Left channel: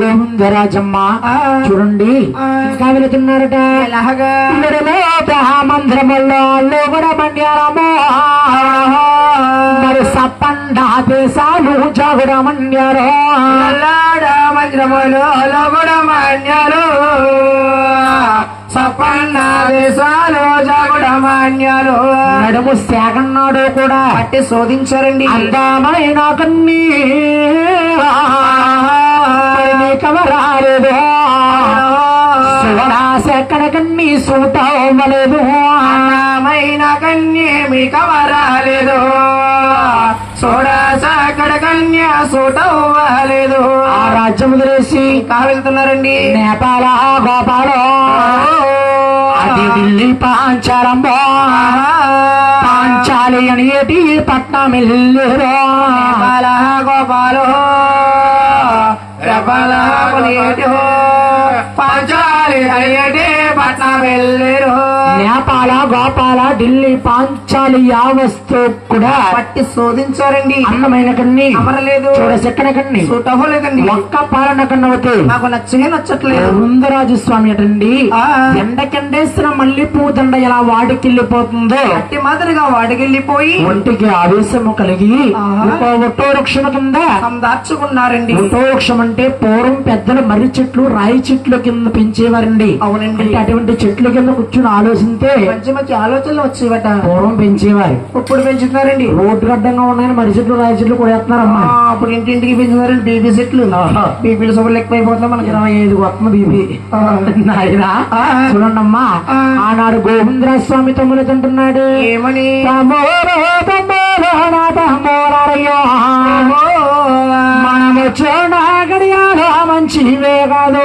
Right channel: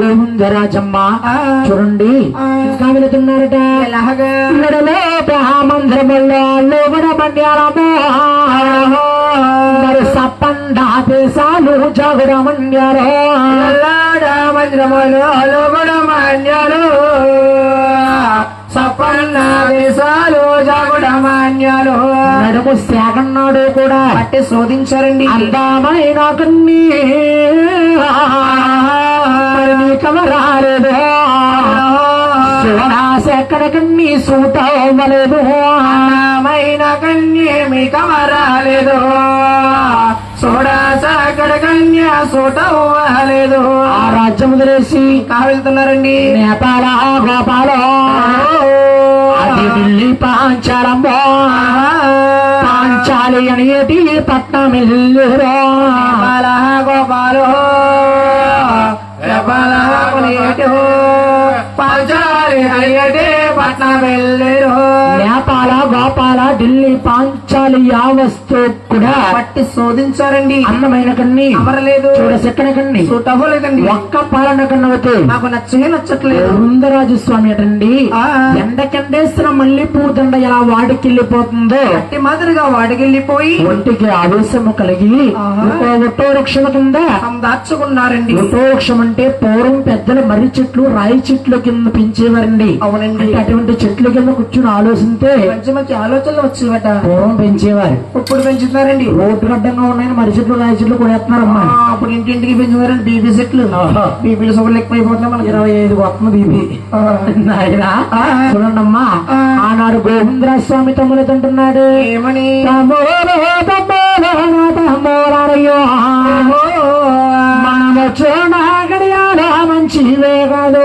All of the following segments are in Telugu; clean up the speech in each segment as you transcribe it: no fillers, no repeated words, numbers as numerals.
గోవిందరాజమ్మ చూడండి ఇంకా వెళుతున్నారట. మందిరములో మరి సప్పండా దేశాలు జగుడమన్యారు మందిరములో లోగుడమన్యారు సప్పండా దేశాలు జగుడమన్యారు నడుము శాగన్నాడు కూడా పట్టి శోధించారండి. అందమైన కన్నీ కమరాలేదు శివరాశెక్కడ కన్నీ సూటవ్వలేదు అన్నమైన కన్య మీ కమరాలేదు సోడాసక్కడ కన్య సూటవ్వలేదు. ఆ రాజ్యం వదిలేసి వెళ్తున్నారండి. నేపాల గోపాల అది ఢిల్లీ పాంచాలంబో పాంచాలి అనేటి పట్నం వెళ్ళురా గోపాలో నేపాల గోపాల ఢిల్లీ పాంచాలి యావస్తు కూడా పట్టి శోధించారండి. అందమైన కన్ని అమరలేదు చూడసెక్కన కన్ని చూడలేదండి. ఒక్క పాలన కన్నవతే నాకు నచ్చట్లేదు. ముందరాజు స్వామి అటండి ఎండకెండేసిన మళ్ళీ పూదండ ఎలా వాడికెళ్ళిపోతుందో అట్టి మాదిరిగా వాడికెళ్ళిపోయి ఒంటికి ఆవేశము కలిగి ఒట్టో వృక్షం కింద దాచుకున్నారండి. ఒట్టో వృక్షం అంటే పూర్వం పెద్దలు మర్రి చెట్లు రాయి చెట్లు కింద పెంచేవారండి. అవునండి. అటువంటి చెట్లు కింద కూర్చుని ఆలోచిస్తే మంచి మంచి ఆలోచనలు వచ్చేవట. పూర్వం పెంచేవారు, ఇప్పుడు పెంచుతున్నారండి. రోడ్డు అడ్డంగా ఉన్నాయని మర్రి చెట్లు రాయి చెట్లు కూడా వేస్తున్నారమ్మా. అప్పుడు ఇంటింటికి పెంచుతున్నారండి బీపీ చెట్లు. బీపీలు సభలు ఎక్కువైపోతున్నాయి. మనకి 25 వస్తుంది బీపీ. నాయనా చూడండమ్మా, ఆనాడు గోవిందరాజ స్వామి తమ్ముడు అంటున్నాడు ఏమని మనము చూడగడియాలో మంచివే కాదు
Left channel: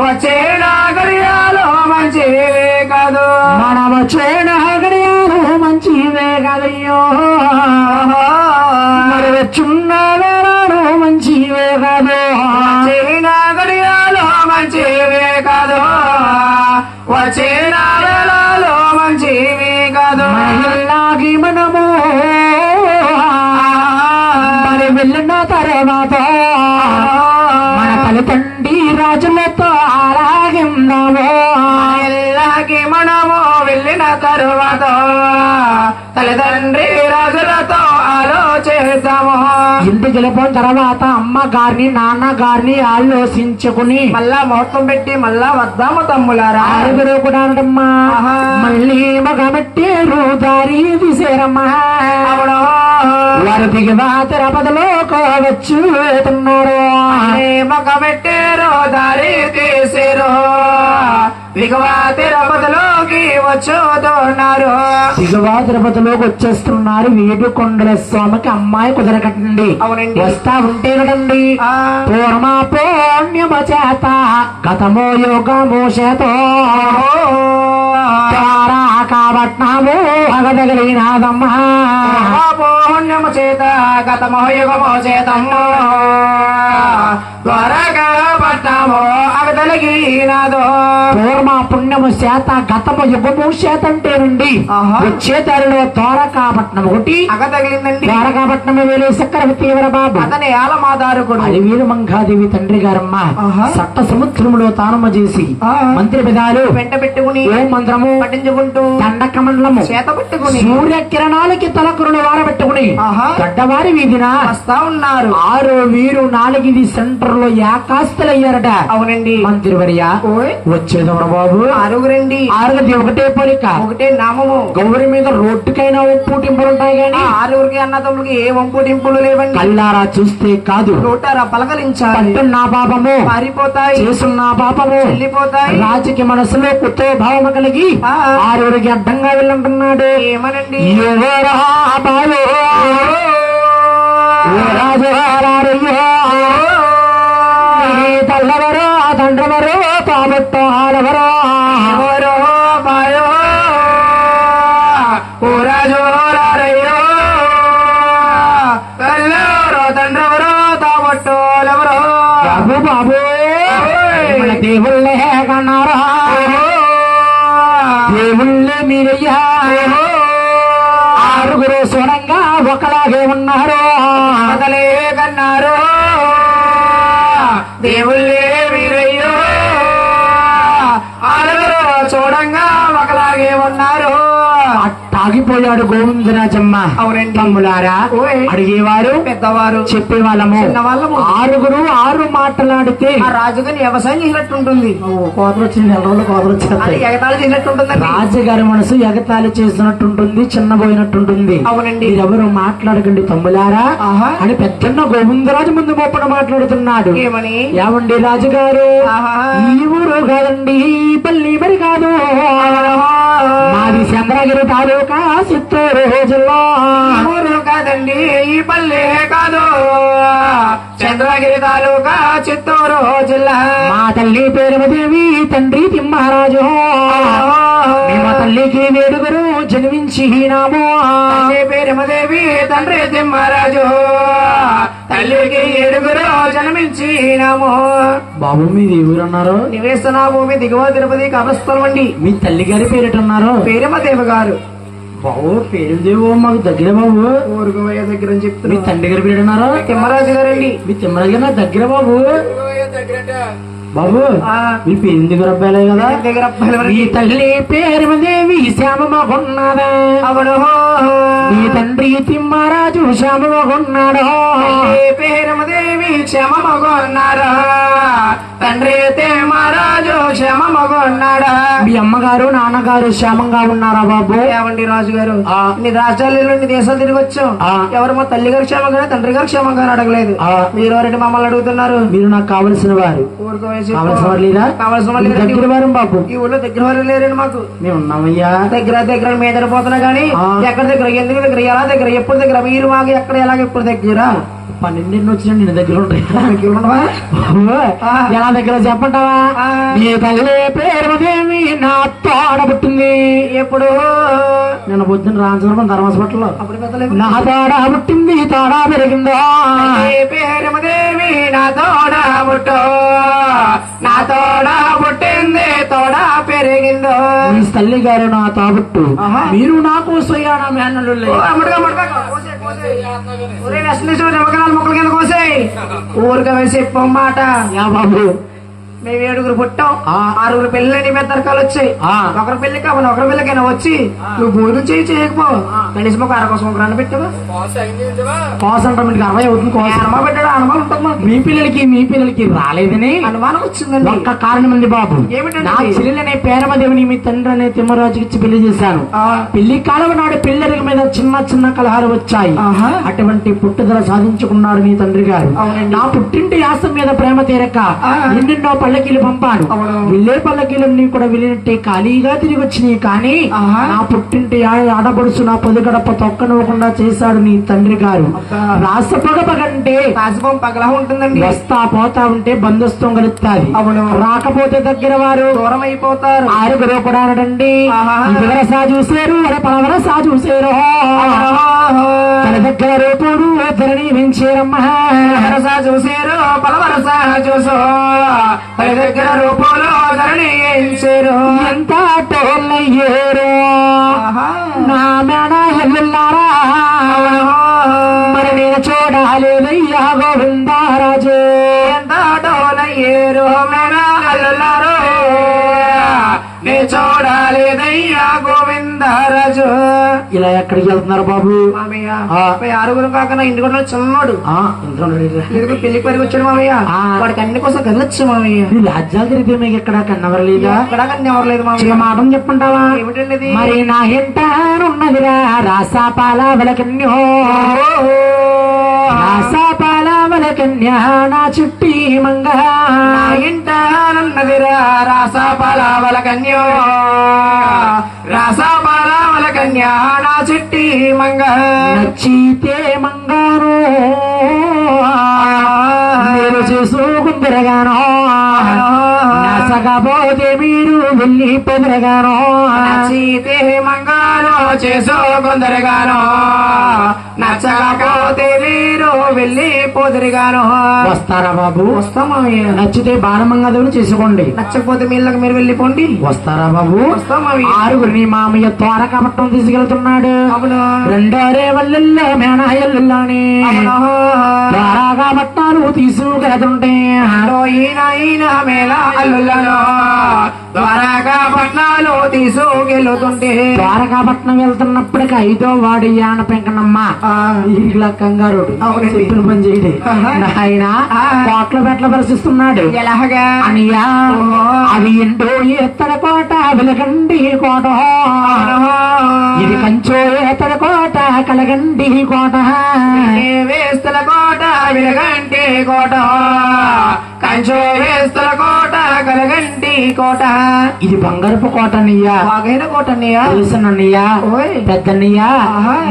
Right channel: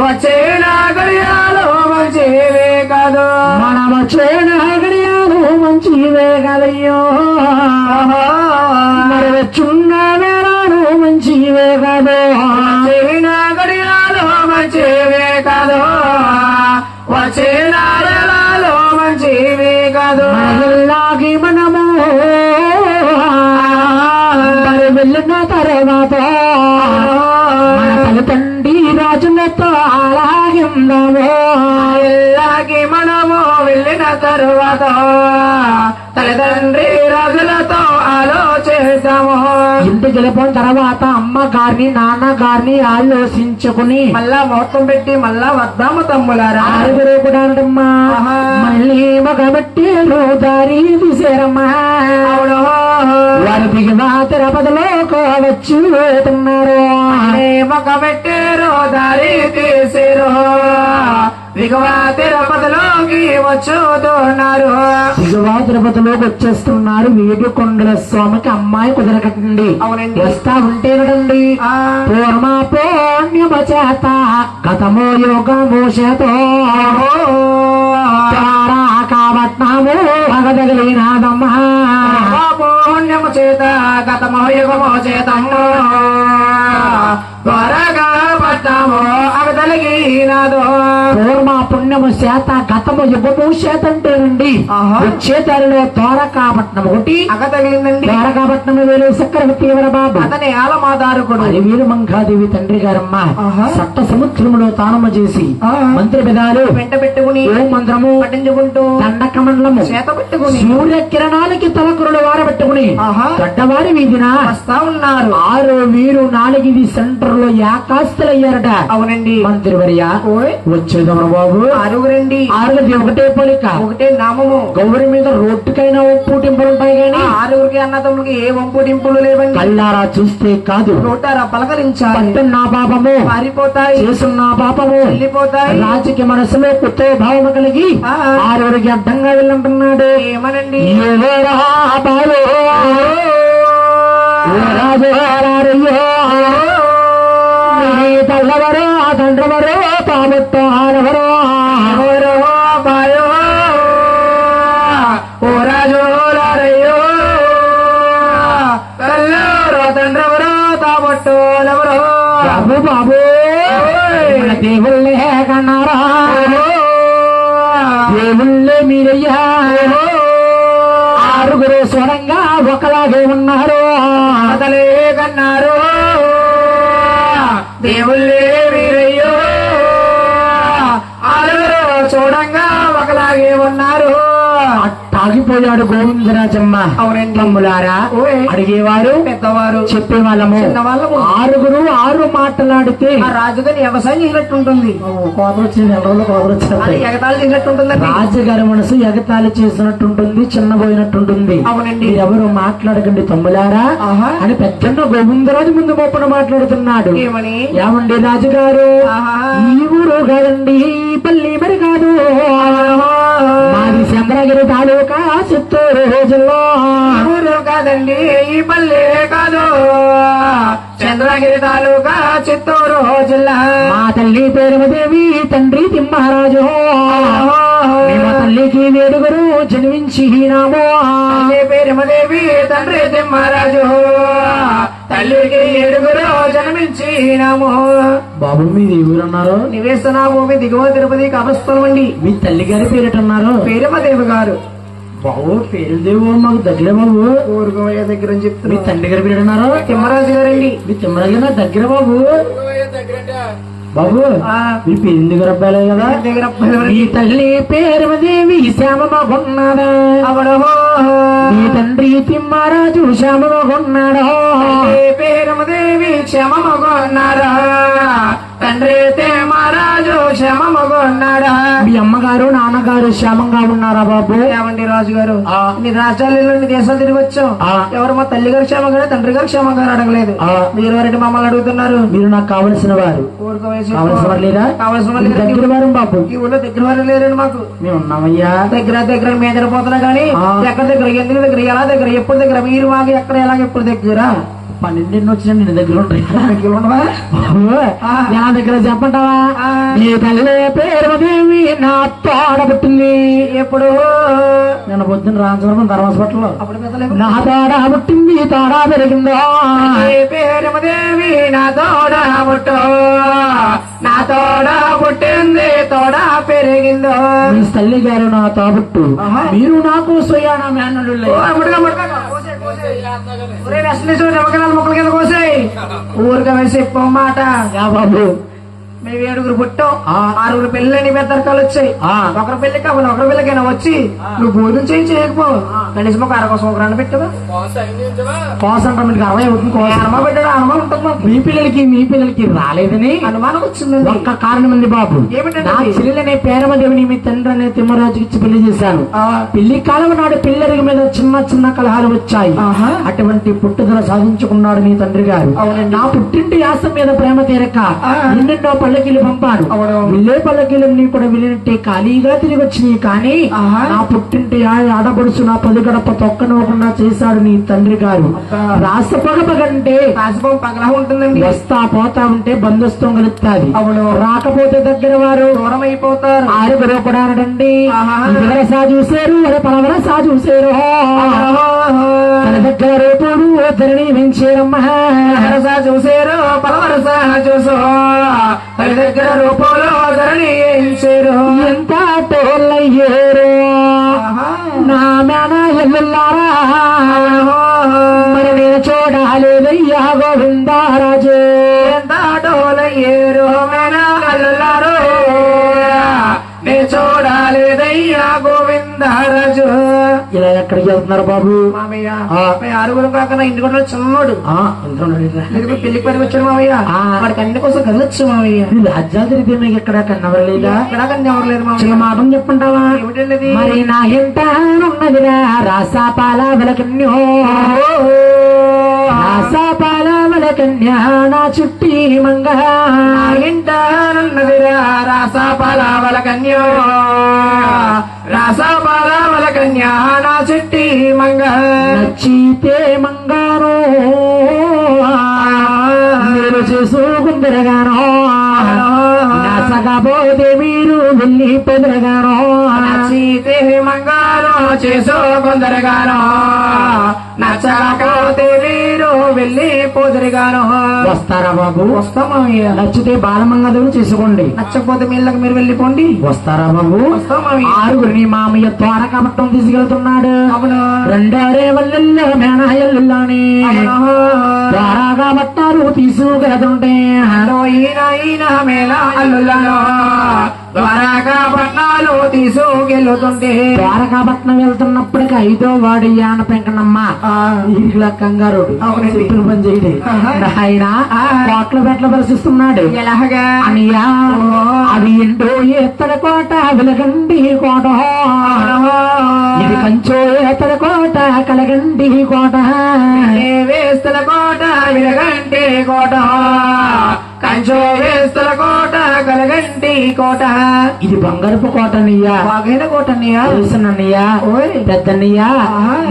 వచ్చేనాగడియాలో మంచివే కాదు మనము చూడగడియాలో మంచివే కదయ్యో మరి చిన్న వేళలో మంచివే కాదు వచ్చేనాగడియాలో మంచివే కాదు వచ్చేనాగడియాలో మంచివే కాదు. మహిళకి మనము మరి వెళ్ళిన తర్వాత మన తల్లిదండ్రి రాజులతో అలాగిందాము. ఇలాగే మనము వెళ్ళిన తరువాత తల్లిదండ్రి రాజులతో ఆలోచిస్తాము. ఇంటికి వెళ్ళిపోయిన తర్వాత అమ్మగారిని నాన్నగారిని ఆలోచించుకుని మళ్ళా మొత్తం పెట్టి మళ్ళా వద్దాము తమ్ములారా. ఆరుగురు కూడా అంటమ్మా మళ్ళీ మగబెట్టేరు దారి తీసేరమ్మా. వారు దిగువ తిరుపతిలో కోవచ్చు వెళ్తున్నారు. మగబెట్టేరు దారి తీసేరు దిగువ తిరుపతిలోకి వచ్చుతున్నారు. దిగువ తిరుపతిలోకి వచ్చేస్తున్నారు. వేడుకొండల స్వామికి అమ్మాయి కుదరకటండి. అవునండి. వస్తా ఉంటే కదండి పూర్మ పుణ్యమ చేత గతమో యోగమో చేత కాబట్నాము అగదగలినాదమ్మ పుణ్యము చేత గతమో యుగమో చేతము త్వరగా పట్టామో అగదలిగినాదో. పూర్మ పుణ్యము చేత గతము యుగము చేత అంటేనండి వచ్చే దారిలో ద్వారకాపట్నం ఒకటి అగదగిలిందండి. ద్వారకాపట్నం వేలే చక్రవర్తి బాబు అతని ఆలమాదారుకుడు అది వీరమంగాదేవి తండ్రి గారమ్మ సప్త సముద్రంలో తానమ చేసి మంత్రి పెదాలు వెంట పెట్టుకుని ఓ మంత్రము పఠించుకుంటూ దండకమండలము చేత పెట్టుకుని సూర్యకిరణాలకి తలకురులు వారబెట్టుకుని గడ్డవారి వీధిన వస్తా ఉన్నారు. 6 వీరు 4 సెంటర్ లో యాకాస్తులయ్యారట. అవునండి. మంత్రి వర్య వచ్చేదమ్మ బాబు 6 6 ఒకటే పోలిక ఒకటే నామము. గౌరి మీద రోడ్డుకైనా ఒప్పుటింపులు ఉంటాయి గాని 6 అన్నదమ్ములకి ఏ ఒప్పుటింపులు లేవండి. కళ్ళారా చూస్తే కాదు చూటారా పలకరించాలి. నా పాపము పారిపోతాయి, చేసున్న పాపము వెళ్ళిపోతాయి. రాజకీయ మనసులో పుత్ర భావము కలిగి 6 అడ్డంగా వెళ్ళంటున్నాడు. ఏమనండి తల్లవరో తండ్రవరో తాబొట్టో ఆడవరో ఓ రాజు తల్లవరో తండ్రవరో తాబొట్టోలవరో బాబు బాబు దేవుళ్ళే కన్నారా దేవుళ్ళే మీరయ్యా. 6 చూడంగా ఒకలాగే ఉన్నారు అతలే కన్నారు దేవుళ్ళే వీరయ్యో ఆరుగురు చూడంగా ఒకలాగే ఉన్నారు. ఆగిపోయాడు గోవిందరాజమ్మ. అవునండి. తమ్ములారా అడిగేవారు పెద్దవారు చెప్పేవాళ్ళము చిన్నవాళ్ళము ఆరుగురు ఆరు మాట్లాడితే ఆ రాజుగారి వ్యవసాయం చేసినట్టుంటుంది. కోతలు వచ్చింది, నెల రోజులు కోతలు వచ్చేస్తాయి. ఎగతాళి చేసినట్టుంటుందండి. రాజుగారి మనసు ఎగతాళి చేసినట్టుంటుంది, చిన్నపోయినట్టుంటుంది. అవునండి. మీరెవరు మాట్లాడకండి తమ్ములారా అని పెద్దన్న గోవిందరాజు ముందు మొప్పన మాట్లాడుతున్నాడు. ఏమని? ఏమండి రాజుగారు ఈ ఊరు కాదండి, ఈ పల్లి మరి కాదు, మాది చంద్రగిరి తాలూకా చిత్తూరు జిల్లా. ఊరు కాదండి ఈ పల్లె కాదు, చంద్రగిరి తాలూకా చిత్తూరు జిల్లా. మా తల్లి పేరుమదేవి, తండ్రి తిమ్మరాజు. మా తల్లికి వేడుగరు జన్మించినాము. తల్లి పేరుమదేవి, తండ్రి తిమ్మరాజు. తల్లికి ఏడుగురు జన్మించినాము. బాబు మీది ఊరన్నారు? నివేశన భూమి దిగువ తిరుపతి కబరస్థలం అండి. మీ తల్లి గారి పేరేటన్నారు? పేరమదేవి గారు. బాబు పేరుదేవో మాకు దగ్గర బాబు. ఊరుకోవయ్య దగ్గర అని మీ చెప్తున్నా. తండ్రి గారి పేరేటన్నారు? తిమ్మరాజు గారండి. మీ తిమ్మరాజు గారు దగ్గర బాబు. బాబు మీ పేరు దగ్గర అబ్బాయిలే కదా. దగ్గర మీ తల్లి పేరుదేవి శ్యామమ్మకున్నదా? అవడు మీ తండ్రి తిమ్మరాజు శ్యామమ్మకున్నాడు. పేరమదేవి క్షమమగొన్నాడా, తండ్రి తిమ్మరాజు క్షమమగొన్నాడా. మీ అమ్మగారు నాన్నగారు క్షేమంగా ఉన్నారా బాబు? ఏమండి రాజు గారు, ఇన్ని రాజ్యాలు ఇన్ని దేశాలు తిరిగి వచ్చాం. ఎవరు మా తల్లి గారు క్షేమంగా తండ్రి గారు క్షేమంగా అడగలేదు. మీరు ఎవరంటే మమ్మల్ని అడుగుతున్నారు? మీరు నాకు కావలసిన వారు. కావలసిన వారు లేరా? కావలసిన వాళ్ళు దగ్గర వారు బాబు. ఈ ఊళ్ళో దగ్గర వారు లేరండి మాకు. మేము ఉన్నామయ్యా. దగ్గర మీద పోతున్నా గానీ ఎక్కడ దగ్గర, ఎందుకు దగ్గర, ఎలా దగ్గర, ఎప్పుడు దగ్గర, మీరు మాకు ఎక్కడ ఎలాగ ఎప్పుడు దగ్గర? 12 వచ్చిన నేను దగ్గర ఉంటాయి. ఎలా దగ్గర చెప్పంటావా? నీ తల్లి పేరుదేవి నా తోడబుట్టింది. ఎప్పుడు? నిన్న పొద్దున్న రాజవరం ధర్మహాస్పిటల్లో అప్పుడు పెద్దలేదు. నా తోడ పుట్టింది, తోడ పెరిగిందో. పేరమదేవి నా తోడ పుట్టో, నా తోడ పుట్టింది, తోడ పెరిగిందో. మీ తల్లి గారు నా తోబుట్టు, మీరు నాకు స్వయాన మేనలు. ముక్కల కింద కోసాయి. ఊరుగా వేసి చెప్పమాట. యా బాబు మేము 7గురు పుట్టాం. 6గురు పెళ్ళని పెద్దరకాలు వచ్చాయి. ఒకరి పెళ్లి కావాలి, ఒకరి పెళ్ళకైనా వచ్చి నువ్వు భోజనం చేయకపో కనీసం ఒక 60 సంవత్సరాలు పెట్టావా? కోసం మీకు 60 అవుతుంది. అనుమానం పెట్టాడు. అనుమానం ఉంటుంది. మీ పిల్లలకి రాలేదని అనుమానం వచ్చిందండి. ఒక్క కారణం ఉంది బాబు. ఏమిటంటే నా చెల్లెలనే పేరమదేవిని మీ తండ్రి అనే తిమ్మరాజుకి ఇచ్చి పెళ్లి చేశాను. పెళ్లి కాలం నాడు పిల్లల మీద చిన్న కలహాలు వచ్చాయి. అటువంటి పుట్టుదల సాధించుకున్నాడు నీ తండ్రి గారు. నా పుట్టింటి యాసం మీద ప్రేమ తీరక ఎన్నెన్నో పల్లకీలు పంపాడు. వెళ్ళే పల్లకీలన్నీ కూడా వెళ్ళినట్టే ఖాళీగా తిరిగి వచ్చినాయి. కానీ నా పుట్టింటి ఆడబడుసు నా పొది గడప తొక్కనివ్వకుండా చేశాడు నీ తండ్రి గారు. రాసపగపగంటే రాసపం పగలా ఉంటుందండి. వస్తా పోతా ఉంటే బంధుత్వం కలుగుతాది. రాకపోతే దగ్గర వారు దూరం అయిపోతారు. 6గురు కూడా అనడండి. వరసా చూసారు, పలవరసా చూసారు. తన దగ్గర రూపుడు ధరణి పెంచారమ్మా. వరసా చూసారు, పలవరసా చూసో, తన దగ్గర రూపులో ధరణి పెంచారు. ఎంత టోళ్ళయ్యారు నా మేడ ఎల్లారా. మరి నేను చూడాలేదయ్యా గోవిందరాజు. ఎంత టోళ్ళయ్యారు మేనారు, నే చూడాలేదయ్యా గోవిందరాజు. ఇలా ఎక్కడికి వెళ్తున్నారు బాబు? మామయ్య 6గురు కాకుండా ఇంటి కూడా చిన్నోడు పెళ్లి పరికి వచ్చాడు మామయ్య. వాడికి అన్ని కోసం కదలొచ్చు మామయ్య. రాజ్యాలు తిరిగితే మీకు ఎక్కడ కన్నవరలేదా? ఎక్కడా కన్నెవరలేదు మామయ్య. మాటం చెప్పుంటావా? ఏమిటండి? మరి నా ఎంటన్నదిరా రాసాపాల కన్యో, రాసాపాల కన్యా నా చుట్టి మంగ. ఇంటన్నదిరా రాసాపాల కన్యో, రాసాపాల కన్యా నా చుట్టి మంగ. నచ్చితే మంగారు మీరు చేసుకుందరగానో, నచ్చకపోతే మీరు వెళ్ళి పెదరగానో. నచ్చితే మంగారో చేసుకుందరగానో, నచ్చకపోతే మీరు వెళ్ళి తిరిగాను. వస్తారా బాబు? వస్తాం మామయ్య. నచ్చితే బాలమంగళం చేసుకోండి, నచ్చకపోతే మీళ్ళకి మీరు వెళ్ళిపోండి. వస్తారా బాబు? వస్తాం మామయ్య. ఆరుగురిని మామయ్య ద్వారకాపట్నం తీసుకెళ్తున్నాడు. అవును. రెండోరే వల్లెల్లో మేనాయల్లోని ద్వారకాపట్నాలు తీసుకెళ్తుంటే ద్వారకాపట్నాలు తీసుకెళ్తుంటే ద్వారకాపట్నం వెళ్తున్నప్పటికీ 5వ వాడు యాన పెంకనమ్మ ఇలా కంగారు చెట్టులు పని చేయడు. ఆయన కోట్ల పెట్ల పరిశిస్తున్నాడు. ఎలాగా అనియా అది ఎంటో ఎత్తడ కోట వెలగండి కోట, ఇది కంచో ఎత్తడ కోట కలగండి కోట, వేస్తుల కోట విలగంటి కోట, కంచో వేస్తుల కోట కలగంటి కోట. ఇది బంగారపు కోట అన్నయ్యా, బాగైన కోట అన్నయ్యా. తెలుసునన్నయ్యా, పెద్దన్నయ్యా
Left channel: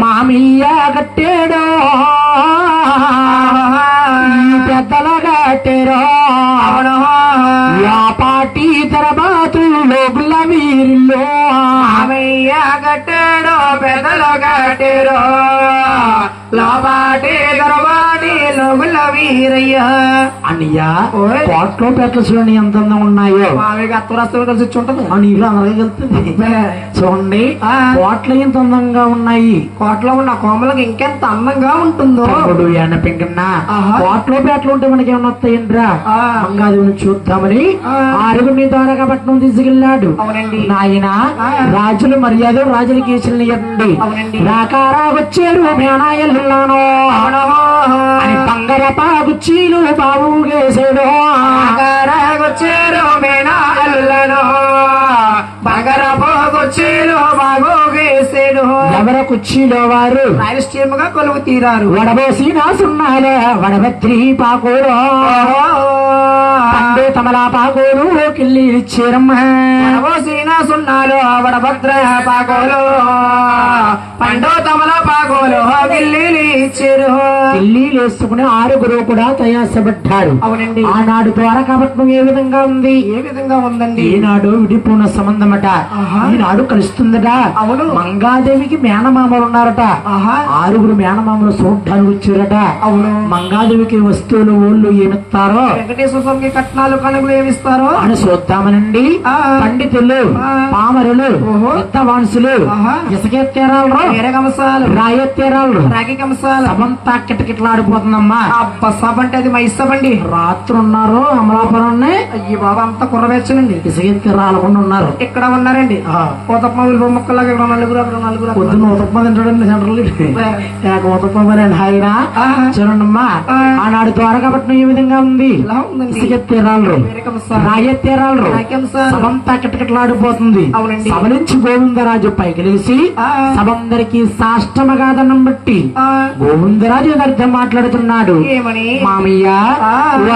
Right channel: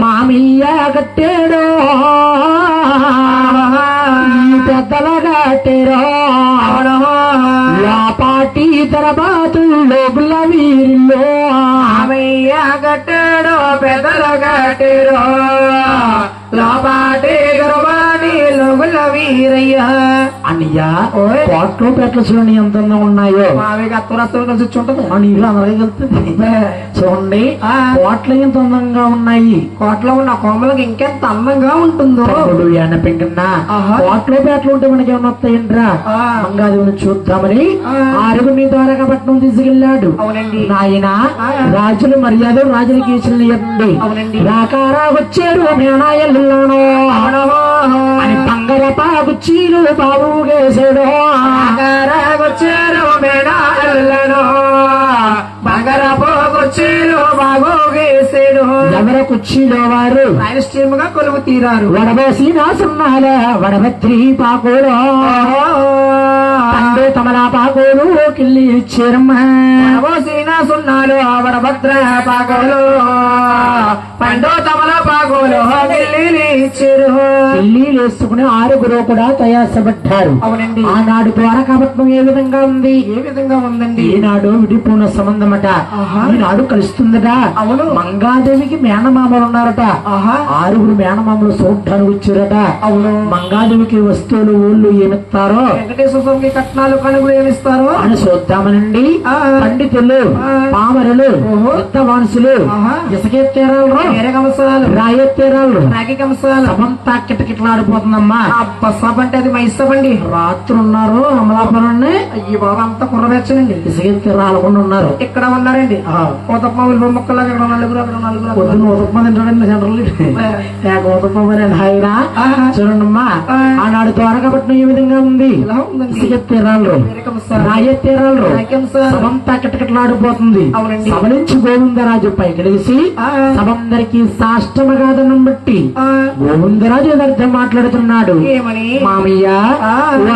మామయ్య కట్టాడో పెద్దల కట్టారో పాటి తరబాతుల్లో గుల్లవీరిల్లో మామయ్య కట్టాడో పెద్దలు కట్టారో లాబాటి గర్వాణి లోగుల వీరయ్య. అన్నయ్యా కోట్లో పెట్ల చూడండి ఎంత అందంగా ఉన్నాయో. మామయ్యకి అత్తరస్తులు కలిసి వచ్చి ఉంటది. నీళ్ళు అలాగే వెళ్తుంది. చూడండి కోట్లు ఎంత అందంగా ఉన్నాయి. కోట్లో ఉన్న కోమలకి ఇంకెంత అందంగా ఉంటుందో. తమ్ముడు యాన పెంకన్నా కోట్లో పేటలు ఉంటే మనకి ఏమన్నా వస్తాయంట్రా గంగాదేవిని చూద్దామని ఆరుగురిని ద్వారకాపట్నం తీసుకెళ్లాడు. నాయన రాజుల మర్యాద రాజులకి ఇచ్చిన ఇవ్వండి. రాకారా వచ్చారు మేనాయల్లాను అని బంగారపా గుచ్చీలు బాబు వేసాడు. వచ్చారు మేనాయల్లాను బంగారపా గుచ్చీలు బాబు వేసాడు. ఎవర కుర్చీలో వారు రాయలసీమగా కొలువు తీరారు. వడవేసి నాసున్నాల వడభద్రి పాకోడు తండ్రి తమలా పాకోడు కిల్లి ఇచ్చారమ్మ. సున్నాలు వడభద్ర పాకోలు పండు తమల పాకోలు ఢిల్లీ ఇచ్చారు. ఢిల్లీలు వేసుకుని ఆరుగురు కూడా తయాసపడ్డారు. అవునండి. ఆనాడు ద్వారకాపట్నం ఏ విధంగా ఉంది? ఏ విధంగా ఉందండి? ఈనాడు విడిపోయిన సంబంధమట, ఈనాడు కలుస్తుందట. అవును. మంగాదేవికి మేనమామలు ఉన్నారట. ఆరుగురు మేనమామలు చూడ్డానికి వచ్చారట. అవును. మంగాదేవికి వస్తువులు ఊళ్ళు ఏమిస్తారో, వెంకటేశ్వర స్వామికి కట్నాలు కనుగలు ఏమిస్తారో అని చూద్దామనండి. పండితులు, పామరులు, యుద్ధవాంసులు, ఇసుకెత్తేరాలు, రాయెత్తేరాలు, రాగి కంసాలు సమంతా కిటకిట్లాడిపోతుందమ్మా. సబంటే అది మా ఇష్టమండి. రాత్రి ఉన్నారు అమలాపురాన్ని. అయ్యి బాబా అంతా కుర్రవేచ్చనండి. ఇసుకెత్తి రాలకుండా ఉన్నారు. ఇక్కడ ఉన్నారండి ఊతప్పలు బొమ్మక్కలాగా నలుగురు నలుగురు పొద్దున్న ఊతప్ప తింటాడండి ఊతప్పమని ఆయన. చూడండమ్మా ఆనాడు ద్వారకాపట్నం ఏ విధంగా ఉంది? ఇసుకెత్తేరాళ్ళు, రాయెత్తేరాళ్ళు, సభంతా కిటకిట్లాడిపోతుంది. సభలించి గోవిందరాజు పైకి లేచి సభందరికీ సాష్టమగా దండం బట్టి గోవిందరాజు అర్థం మాట్లాడుతున్నాడు. మామయ్య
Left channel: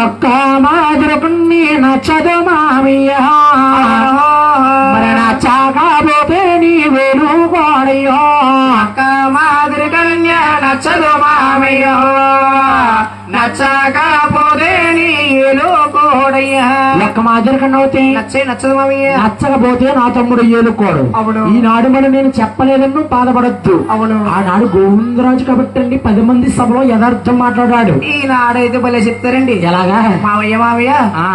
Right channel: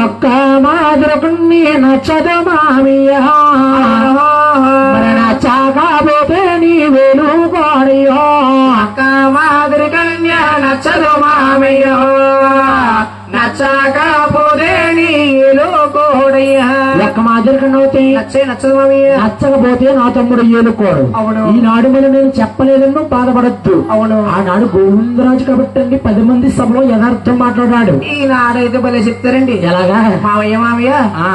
ఒక్క మాదిరకుణ్ణి నచ్చదు మామయ్య, మరి నచ్చకపోతే నీ వేలు కోడయ్యో. ఒక్క మాదిరి కన్య నచ్చదు మామయ్య, నచ్చకపోతే నీ వేలు కోడయ్య. ఒక్క మాదిరి కన్నవుతే నచ్చదు మామయ్య, నచ్చకపోతే నా తమ్ముడు ఏలుకోడు. ఈనాడు మనం నేను చెప్పలేదన్నో బాధపడద్దు. అవును. ఆనాడు గోవిందరాజు కాబట్టి 10 మంది సభలో యథార్థం మాట్లాడాడు. ఈనాడైతే భలే చెప్తారండి. ఎలాగా? మామయ్య మామయ్య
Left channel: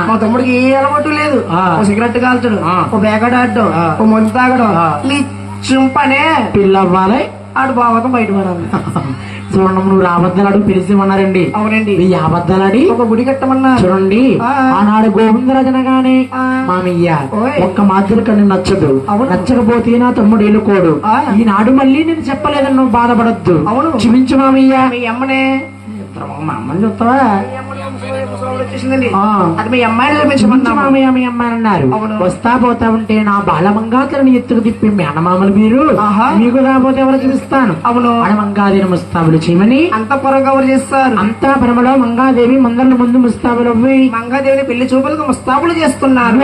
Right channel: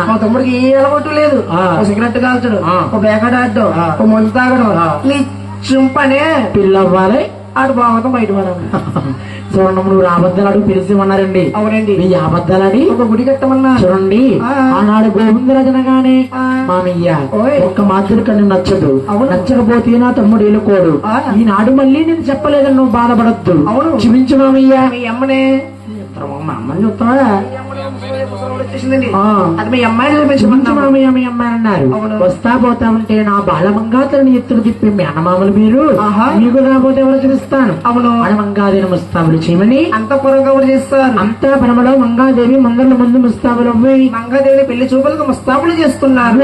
మా తమ్ముడికి ఏ అలవాటు లేదు. సిగరెట్ కాల్చడు, ఓ బేగడాడ్డు, ఓ మందు తాగడు, నీ చుంపనే పిల్లవ్వాలి ఆడు బావతో బయటపడాలి. చూడండి నువ్వు అబద్ధాలు అడుగు పిలిచిమన్నారండి. అవునండి. ఈ అబద్ధాలని ఒక గుడి కట్టమన్నా. చూడండి ఆనాడు గోవిందరాజు అనగానే మామయ్య ఒక్క మాదిరి కన్ను నచ్చదు, నచ్చకపోతే నా తమ్ముడు ఏలుకోడు. ఈనాడు మళ్ళీ నేను చెప్పలేదని నువ్వు బాధపడద్దు. క్షమించు మామయ్య. మీ అమ్మనే మా అమ్మని చెప్తావా? వచ్చేసిందండి. అది మీ అమ్మాయిని మామయ్య మీ అమ్మాయి అన్నారు. వస్తా పోతా ఉంటే నా బాలమంగాతలని ఎత్తులు తిప్పి మీ అన్నమామలు మీరు మీకు రాబోతే ఎవరు చూపిస్తాను. అవును. మంగాదేవి ముస్తాబులు చేయమని అంత పొరగా ఎవరు చేస్తారు? అంతా పరమలో మంగాదేవి మందర్ల ముందు ముస్తాబులు మంగాదేవిని పెళ్లి చూపులకు ముస్తాబులు చేస్తున్నారు.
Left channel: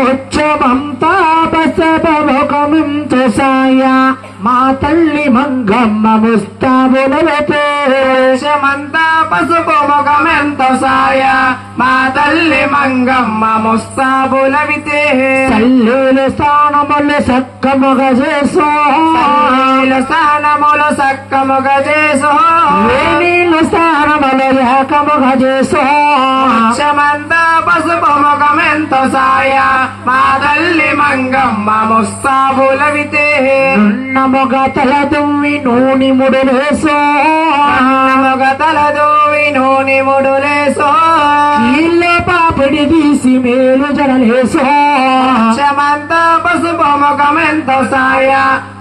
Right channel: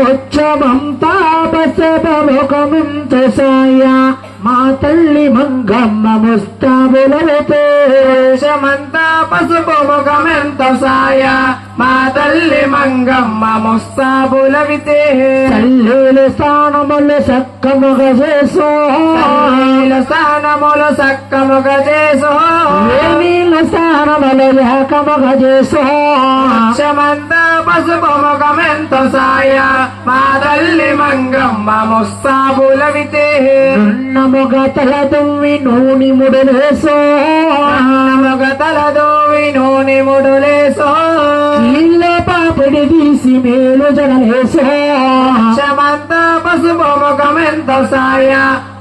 మా తల్లి మంగమ్మ ముస్తాబులమంతా పసుపు ముఖమెంత సాయ, మా తల్లి మంగమ్మ ముస్తాబులవితే. తల్లులు స్థానములు సక్కముగ చేసో, స్థానములు సక్కముగ చేసో, నీళ్ళ స్థానములు లేక ముఖముఖ చేసో అచ్చమంతా పసుపు ముఖమెంతో సాయ మా తల్లి మంగమ్మ ముస్తాబులవితే నున్న మొగ తల దుమ్మి నూని ముడులేసో మొగ తలదోవి నూనె ముడులేసో ఇల్ల పాపిడి తీసి మేలు జడలేసో అచ్చమంతా పసుపు ముఖమెంతో సాయ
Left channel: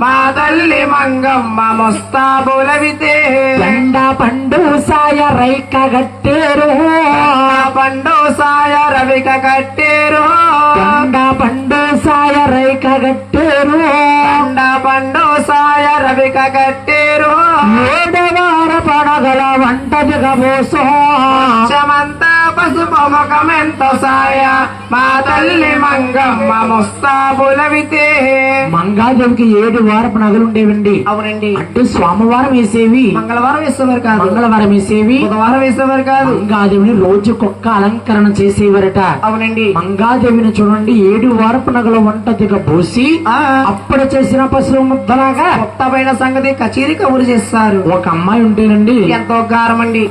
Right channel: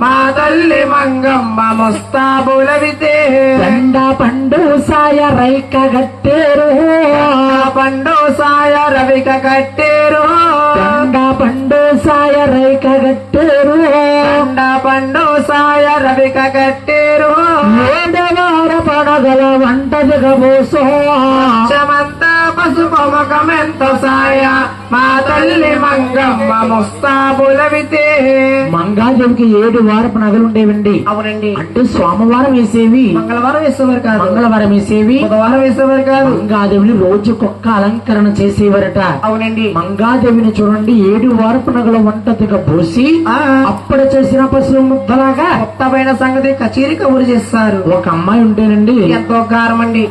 మా తల్లి మంగమ్మ ముస్తాబులవితే దండ పండు సాయ రైక గట్టేరు పండు సాయ రవిక కట్టేరు దండ పండు సాయ రైక గట్టేరు పండు సాయ రవిక కట్టేరు ఏడవార పడగల వంట జగబోసో చమంతా పసుపు ముఖమెంతో సాయ మా తల్లి మంగమ్మ ముస్తాబులవితే మంగాదేవికి 7 వారపు నగలుండేవండి. అవునండి. అంటే సోమవారం వేసేవి, మంగళవారం వేసేవారు కాదు, మంగళవారం వేసేవి, బుధవారం వేసేవారు కాదు. మంగాదేవిని రోజుకొక్క అలంకరణ చేసేవారట. అవునండి. మంగాదేవిని చూడండి 7 వారపు నగల వంట దిగ పోసి అప్పుడు చేసిన పశువు ముద్దలాగా కొత్తమైన సంగతి కచేరీ కబురు చేస్తారు. ఒక అమ్మాయి ఉంటేనండి ఎంతో గారం అండి.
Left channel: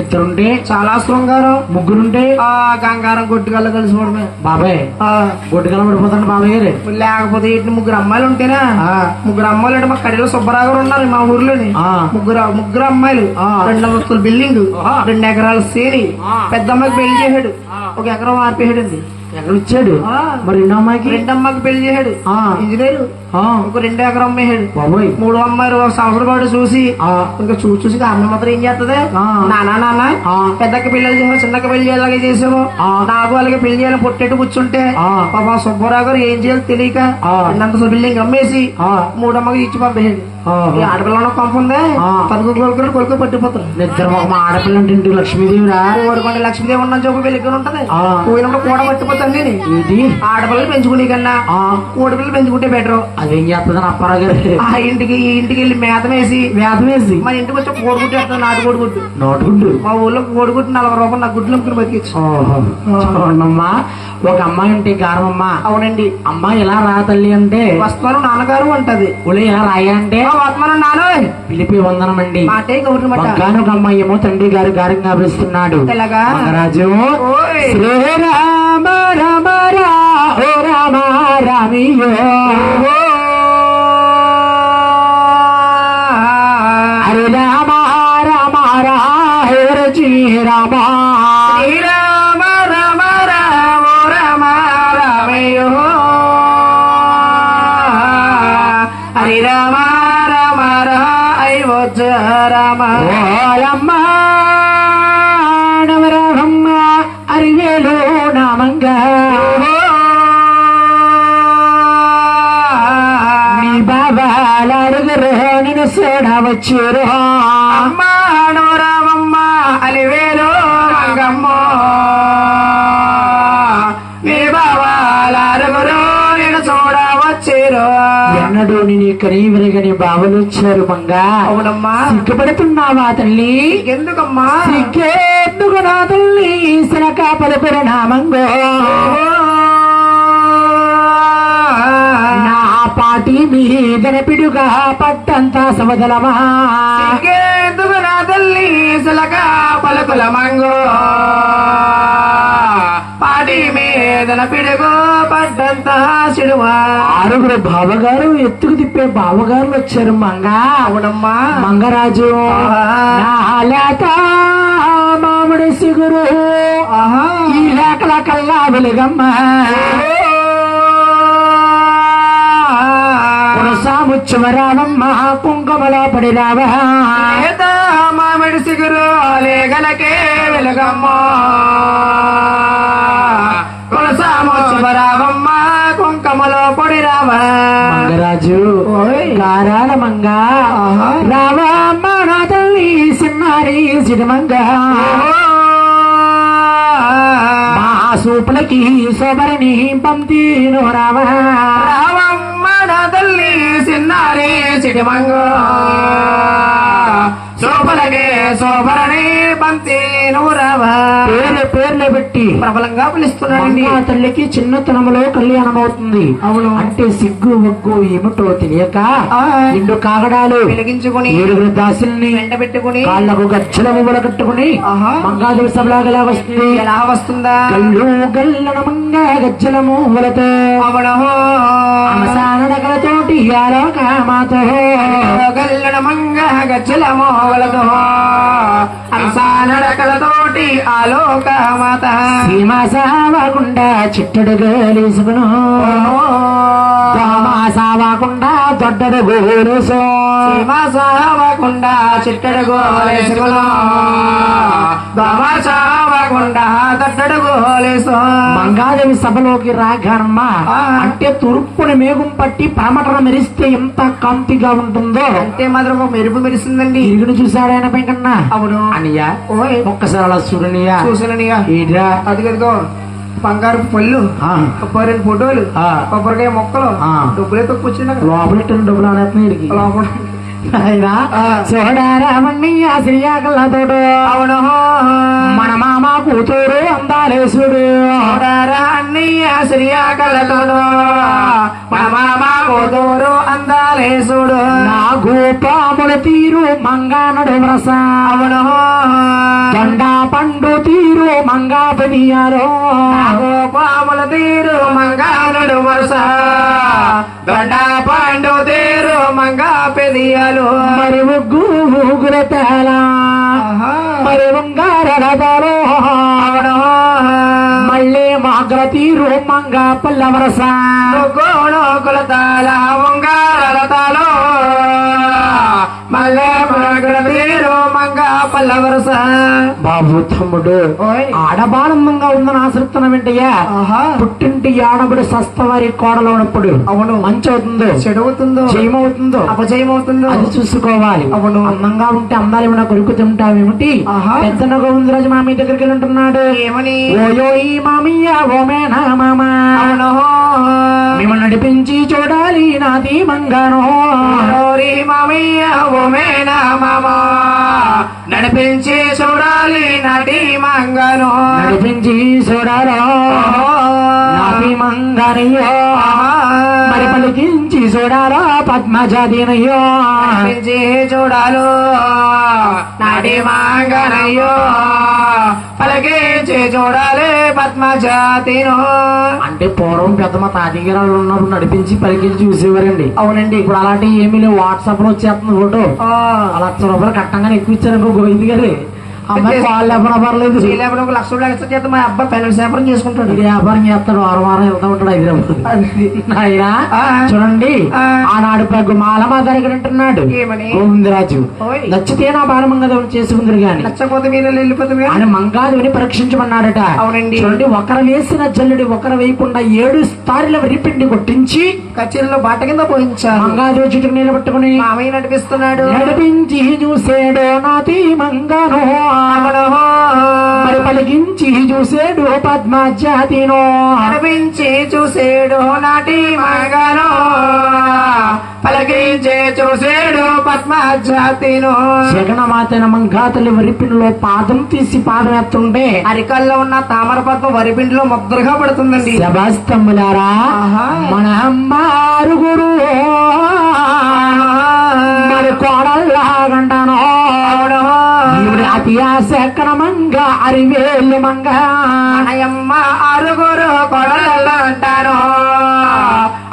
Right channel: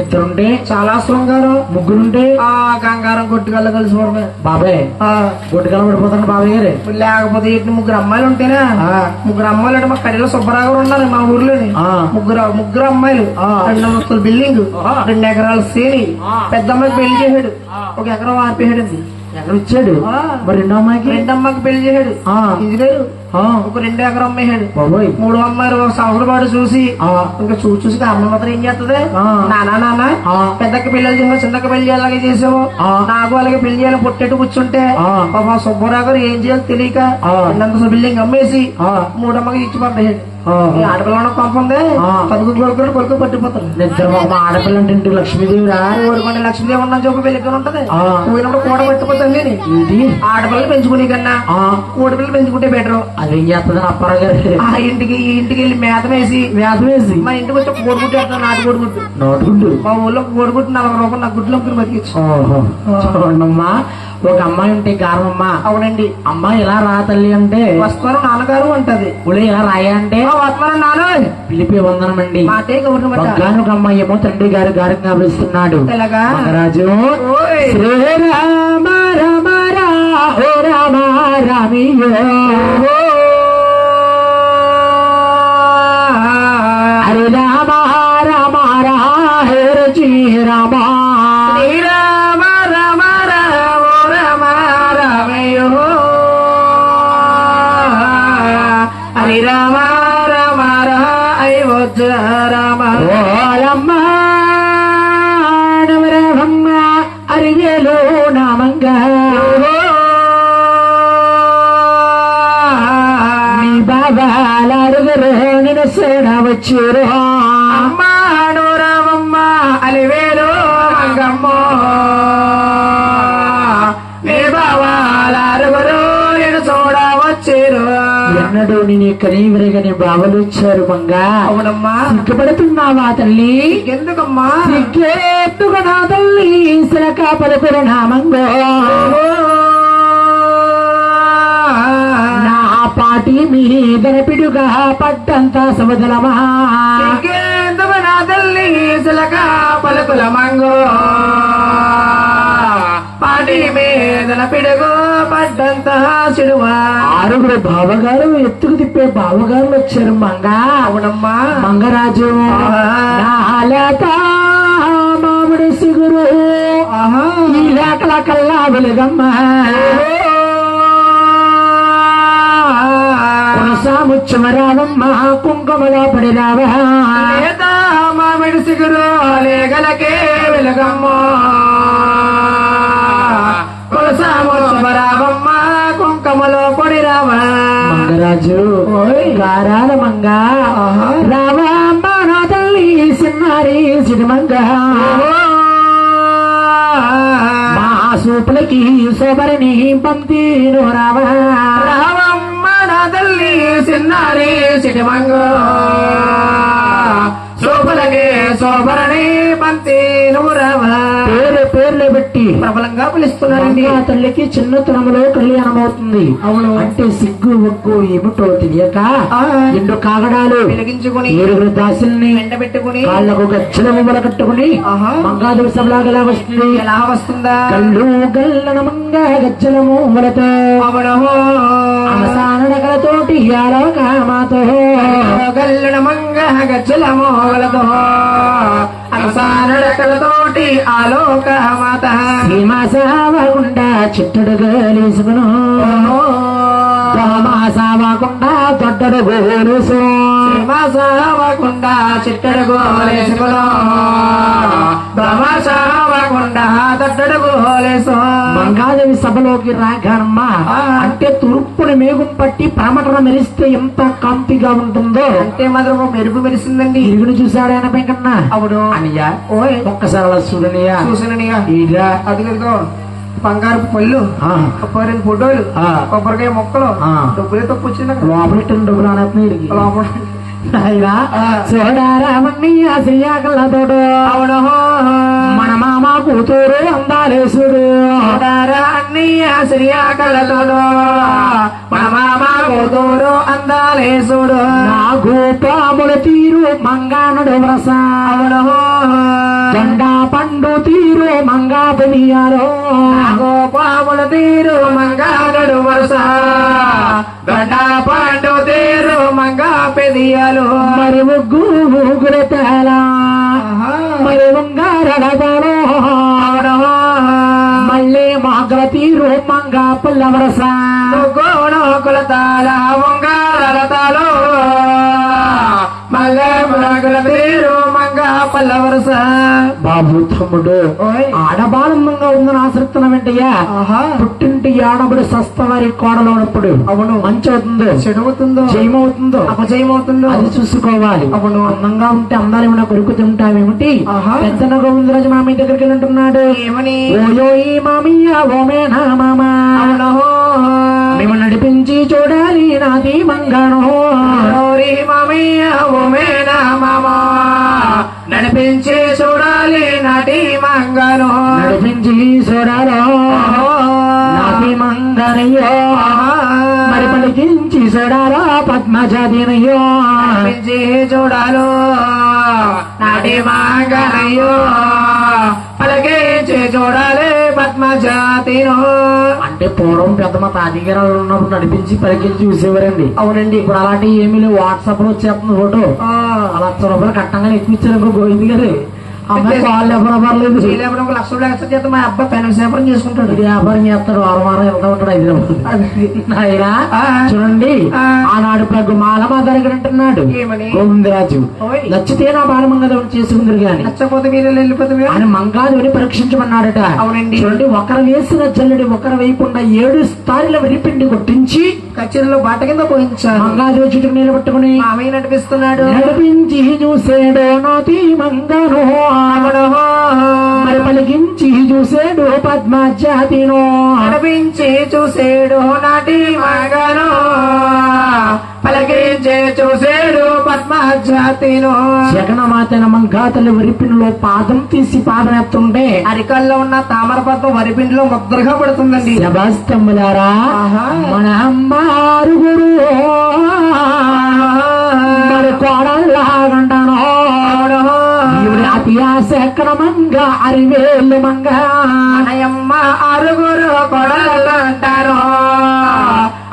ఇద్దరుంటే చాలా శృంగారం, ముగ్గురుంటే గంగారం కొట్టుకల్లా కలిసిపోవడమే. బాబాయ్ గొడ్డుగా పడిపోతాడు బాబాయ్ గారు. లేకపోతే ఇటు 3 అమ్మాయిలు ఉంటేనా, 3 అమ్మాయిలు అంటే మా కడిలో సుబ్బరావు ఉన్నారు మా ఊర్లోని. ముగ్గురు అమ్మాయిలు, 2 అంతస్తుల బిల్డింగ్, 2 ఎకరాల శ్రేణి. పెద్ద అమ్మాయికి పెళ్లి చేశాడు, 1 ఎకరం ఆర్పేశాడండి. ఎక్కడిచ్చాడు మరి? 2 అమ్మాయికి పెళ్లి చేశాడు, ఇంజనీరు. ఒక 2 ఎకరం అమ్మేశాడు. 3 అమ్మాయిలు 1 సంవత్సరం పాటు చూసి ఇంకా చూసి అమ్మ మాత్రం ఏం చేస్తుంది, నాన్న పెద్దకి పెళ్లి చేసాము, చిన్నకి పెళ్లి అలాగే చేసాము, నాకు అలాగే పెళ్లి చేయాలని పొట్టెట్టు కూర్చుంటే మా సుబ్బారావు గారు ఏం చేయాలి తెలియక 2 అంతస్తుల బిల్డింగ్ అమ్మేసి 3 అమ్మకి ఇచ్చి పంపేశాడు. ఆడపిల్ల పంపందే పదుగు కొడుకు పట్టిపోతాడు. ఆడపిల్ల అంటే లక్ష్మీదేవిరా, కోరుకుంటే లక్ష్మీదేవి ఉన్న చూపు పెళ్లికి ఉంటది, పోయినప్పుడు కూడా పట్టిపోతాను. నేను ఆడపిల్లలు పెంచుకునే కన్నా కోడిపిల్లలు పెంచుకుంటే బెటర్. అదేం చేస్తుంది అప్పారావు గారు? ఆ ఇంటికి వెళ్ళి మేత వేసి మా ఇంటికి వచ్చి కోడిగుడ్డు వేస్తాను, నాటు కోడిగుడ్డు. మా ఊళ్ళో కోడిగుడ్డు 40 రూపాయలు నా గుడ్లు అమ్ముకుని బతికిచ్చు. చూడమ్మా, ఒక అమ్మాయి ఉంటే గారమ్మా. అవునండి. అమ్మాయి ఎలా రా తల్లి అంటే వస్తారు నాన్నగారు అంటది. ఉలే ఎలా రాయ అంటే నాన్న పిలిపి వందనమండి. మాటే గౌరవ ఒక అమ్మాయి ఏమో తండ్రి గారు గారంగా పిలుస్తున్నాడు. రాజు శ్రీరామ రామ ఓ రామ రామియో హరి రామ రామ హరి రామ శ్రీరామ రామ రామ రామ రామయ్యో హరి రామ రామ అయోధ్య రామ రామ నవరహమ్మ అరివేలు నామంగా నీ బాబాల అడుగురు నేను చూడవచ్చురు. అమ్మ నోరామమ్మ అలివేలు రంగమ్మ నీ బాబాల అడుగురు నేను చూడవచ్చురు. ఎన్నడూ నేను కనీ విరగని బావలు వచ్చారు మంగా. అవునమ్మా. సిగ్గుపడుతున్నావా తల్లి? ఎందుకమ్మా సిగ్గేందుకు నా తల్లి శనక పలుకురు నామంగో నా పాటి మీద పిడుగా పట్టంత సమదలమా. ఇంకెందుకు నా తల్లి శిలక పలుకుల మంగో పాటి మీద పిడుగు పడ్డంత సిడువా. 6 బావగారు ఎత్తుకు తిప్పే బావగారులు వచ్చారు మంగా. అవునమ్మా. మంగరాజు లేక మామిడి సిగురు ఈ లేకల కల్లా వెలుగమ్మ ముచ్చమరావమ్మ కుంకుమలో పడి రావా. మామిడి సిగురు లేగలకే వెలుగమ్మ రావమ్మ కుంకమలో పొడి రావా. మంగరాజు గారాల మంగ రావమ్మ నా తల్లి సిన్నారి సిరిమంగ మా సూపులకి సోబరిని పంపి రావా. రావమ్మ నా తల్లి సిన్నారి సిరిమంగ సోపరని పంపి రావా. పేర్లు పెట్టి ప్రబలంగా పిలుస్తున్నాడండి. ఆ తల్లికి చిన్నతనంలో కళ్యాణం అవుతుంది. అవును. అంటే సిగ్గు ఒగ్గు ఏమిటో తెలియక ఎండు కాగడాలు వెలిగించుకుని 7 దాసుల్ని వెంటబెట్టుకుని కాళ్లకు గచ్చల మువ్వల కట్టుకుని మంగాదేవి సభలాగా ఎలా వస్తుంది? ఎలా వస్తుందా? కళ్ళు గల్లన మంగా గచ్చల మువ్వలతో అవసానడకలతోటి ఆలోక మాతో గల్లడ మంగ గజ్జల మోగలతో అవసానడకలతోటి ఆలోక మాత సీమా సావకుండా చిట్టడు గోలేసుకును సావకుండా దొడ్డడు గోలేసు సీమా సావకుండా చిట్టడు గోలేసుకును సావకుండా దొడ్డడు గోలేసు. మంగాదేవి సభలోకి రాగమ్మ అంటే తూర్పుని మేఘం పట్టి పరమటన మెరిస్తే ఎంత కాంతిగా ఉంటుందో అంటే మాత్రం మెరుపు మెరిసిందండి. ఇరుగుని చూశాడు ఆయన వెంకన్న. అవును అనియా ఓయ్ ఒక్కసారి అలా చూడనియా చూసాననియా. ఈడ్రా అది కనుకో బంగారు పళ్ళు, కొబ్బరి ఫోటోలు, కొబ్బరికాయ మొక్కలు, డబ్బులే తక్కువచ్చింది లోపల డబ్బులు అనేస్తున్నాయి లోపల. చూడారామన్నయ్య శ్రీయాకలతోడు అవును మన మామ కూతురు అందాలేసుడు అన్నయ్య శ్రీయాకలతోడు మన మామ కూతురు అందాలేసుడు నా గోపాముల తీరు మంగానడు వ్రస అవును జెండా పండు తీరు మంగా పెనియారో గోపాముల తీరు మంగానడు వరుస గండా పండు తీరు మంగా పెదియాలు మరి ముగ్గు ముగ్గుల తేల మరి ఉంగారడదాలో మళ్ళీ మాగ్ర తీరు మంగా పల్ల వరస గోడోకుల తాళ ఉంగారతాలో మళ్ళీ మాగ్ర తీరు మంగా పల్ల వరుస. బాబు తమ్ముడు ఆడబానందంగా ఉందని ఆసక్తున్నా వెంటయ్యా పుట్టింటి ఆడబడి సస్తవారి కోడలోనప్పుడు అవును మంచి అవుతుందో చెడవుతుందో జయమవుతుందో అపజయమవుతుందో అది చూసుకోవాలి. అవును అందంగా ఉంటే అందాలు ఏమైనా కొడుకు తింటావేమిటి? పెద్దన గోవిందరాజు మామీ దగ్గరికి వెళ్తున్నాడు. ఏమని? ఓయో ఈ మామయ్య ఓమేనా మామ మేము నడిపించి చూడాలి నాది బంగారం మామయ్య ఓమేనా మామ నడిపించి చూడాలి నాటి మంగాను నడిపించి చూడాలో నాటి మంగారయ్యో మరి పలికించి చూడాలో పద్మజాతినయ్యో నడిపించి చూడాలో నాటి మంగారయ్యో పలికించి చూడాలి పద్మజాతిను. అంటే పూర్వం పెద్ద మా తాతగారు ఉన్నప్పుడు నడిపించి పలికించి చూసేవారండి. అవునండి. ఇప్పుడు అలాంటి ఏమీ లేవు. వాట్సాప్ లో వచ్చేస్తుంది ఫోటో అలా 1,00,000 రూపాయలు కట్టంగానే ఎక్కిచ్చారు గోవింద్ గారి అమ్మాయి వాళ్ళు ఎవరు పర్లేదు. చేయలేకపోతే 1,00,000 చేత మా అబ్బాయి పెన్నుల సేపరం చేసుకుంటాడు. ఇది వ్యాపారం చేస్తాడు. వారం వెళ్తా ఉంటాడు హైదరాబాద్. ఆయన చూడండి ఆనాడు పెద్ద మాలమా దగ్గర అంటున్నాడు గోవిందరాజు నచ్చితే నా బాలమంగదం చేసుకుందరు గాని నచ్చపోతే మీరు వెళ్ళిపోతే ఆయన మంగాదేవిని పరీక్షించమన్నాడట. అవునండి. చూడండి ఒకరు వేసిన జల్లుడి ఒకరు వేయకుండా 7 స్థాయిల విరిపిండి కొట్టించి కచేరీలో బాట కింద పోయించారు. మంగాదేవి చుట్టూ నిలబెట్టుకుని మామయ్య నడిపిస్తున్నాడు. నడిపించి చూసేడు నాతి మంగాను మరి పలికించి చూసేడు పద్మజాతిను నడిపించి చూసేడు నాటి మంగాను పలికించి చూసేడు పద్మజాతిను. జగన్మాతైన మంగాతల్లి వరిపిండిలో పాదం తీసి పాదం ఎత్తుంటే అరికల్లో ఉన్న తామర పద్మం వరిపిండిలో ముద్రగా పడుతుందండి. శబాస్తమ్ములారా మన అమ్మ ఆరుగురు మరి కోడల్లాగంటాను అతి ఆశకర మంగ అరివేలు మంగ అయ్యమ్మ ఆరుగురు కొడలు అంటారు.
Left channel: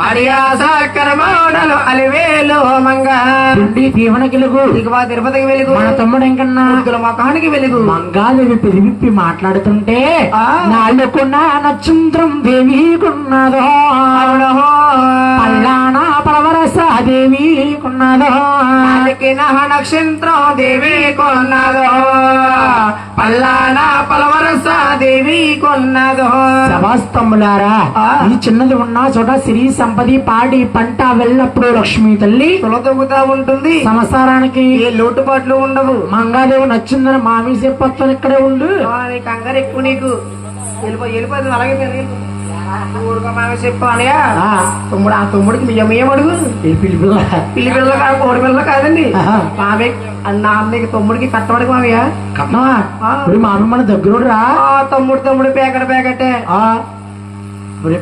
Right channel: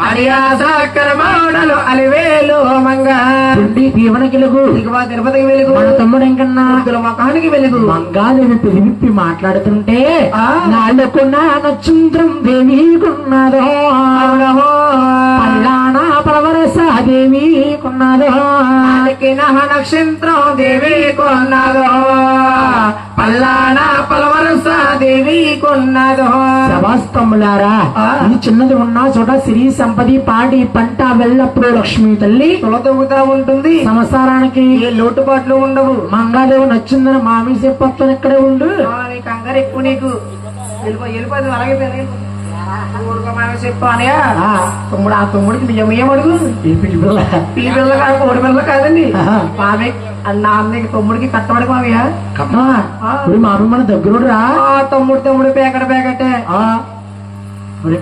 అరియాసకర మోడలు అలివేలు మంగ పిండి దీవెనకి వెలుగు దిగువ తిరుపతికి వెలుగు మన తమ్ముడు ఇంకన్నా ముఖానికి వెలుగు. మంగాదేవి పెరివిప్పి మాట్లాడుతుంటే నాలుగున్న నక్షత్రం దేవి కొన్నదో పల్లానా పరవరస దేవి కొన్నదో నక్షత్రం దేవి కొన్నదో పల్లానా పలవరస దేవి కొన్నదో. శవాస్తములారా ఈ చిన్నది ఉన్నా చోట సిరి సంపది పాడి పంట వెళ్ళప్పుడు లక్ష్మీ తల్లి తొలతొగుతా ఉంటుంది. సంసారానికి ఏ లోటుపాట్లు ఉండవు. మంగాదేవి నచ్చిందని మామి చెప్పొచ్చు ఇక్కడే ఉండు. కంగారు ఎక్కువ నీకు వెళ్ళిపోయింది అలాగే చెప్పు అనయా తమ్ముడు. ఆ తమ్ముడికి మీ అడుగు పిల్లి పిల్ల కాదు కోడి పిల్ల కాదండి. నాన్నకి తమ్ముడికి కట్టబడికి మావయ్య కట్టమా ఇప్పుడు మా అమ్మ మన దగ్గర రా తమ్ముడు పేకటే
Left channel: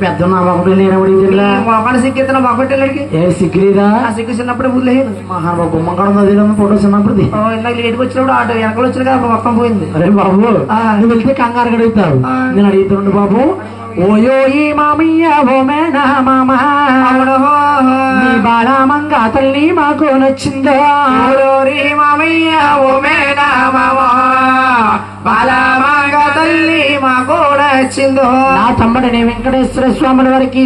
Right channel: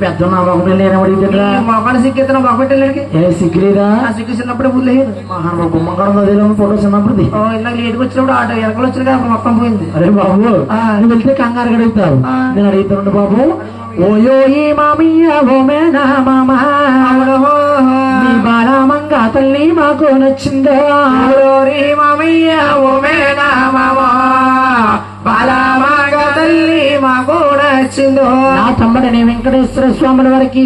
పెద్ద మా మొక్కలు నేనవడిరా మొక్కలు సిగ్గెత్తున మొక్కటెళ్ళడికి ఏ సిగ్గులేదా సిగ్గు చిన్నప్పుడే బుల్లలేదు గుమ్మక్కడ ఉంది ఫోటో చిన్నప్పుడు ఇందాక లేటుకు వచ్చినప్పుడు ఆటో వెనకలు వచ్చిన కదా మొత్తం పోయింది. అరే బాబు నువ్వు వెళ్తే కంగారు అడుగుతావు నేను అడుగుతుండు బాబు ఓయో ఈ మామయ్య ఓమేనా మామ బాలమంగా తల్లి మాకు నచ్చిందో మామయ్య ఓమేనా మామ బాలమంగా తల్లి మాకు నచ్చిందో. నా తమ్ముడనే వెంకటేశ్వర స్వాముల వారికి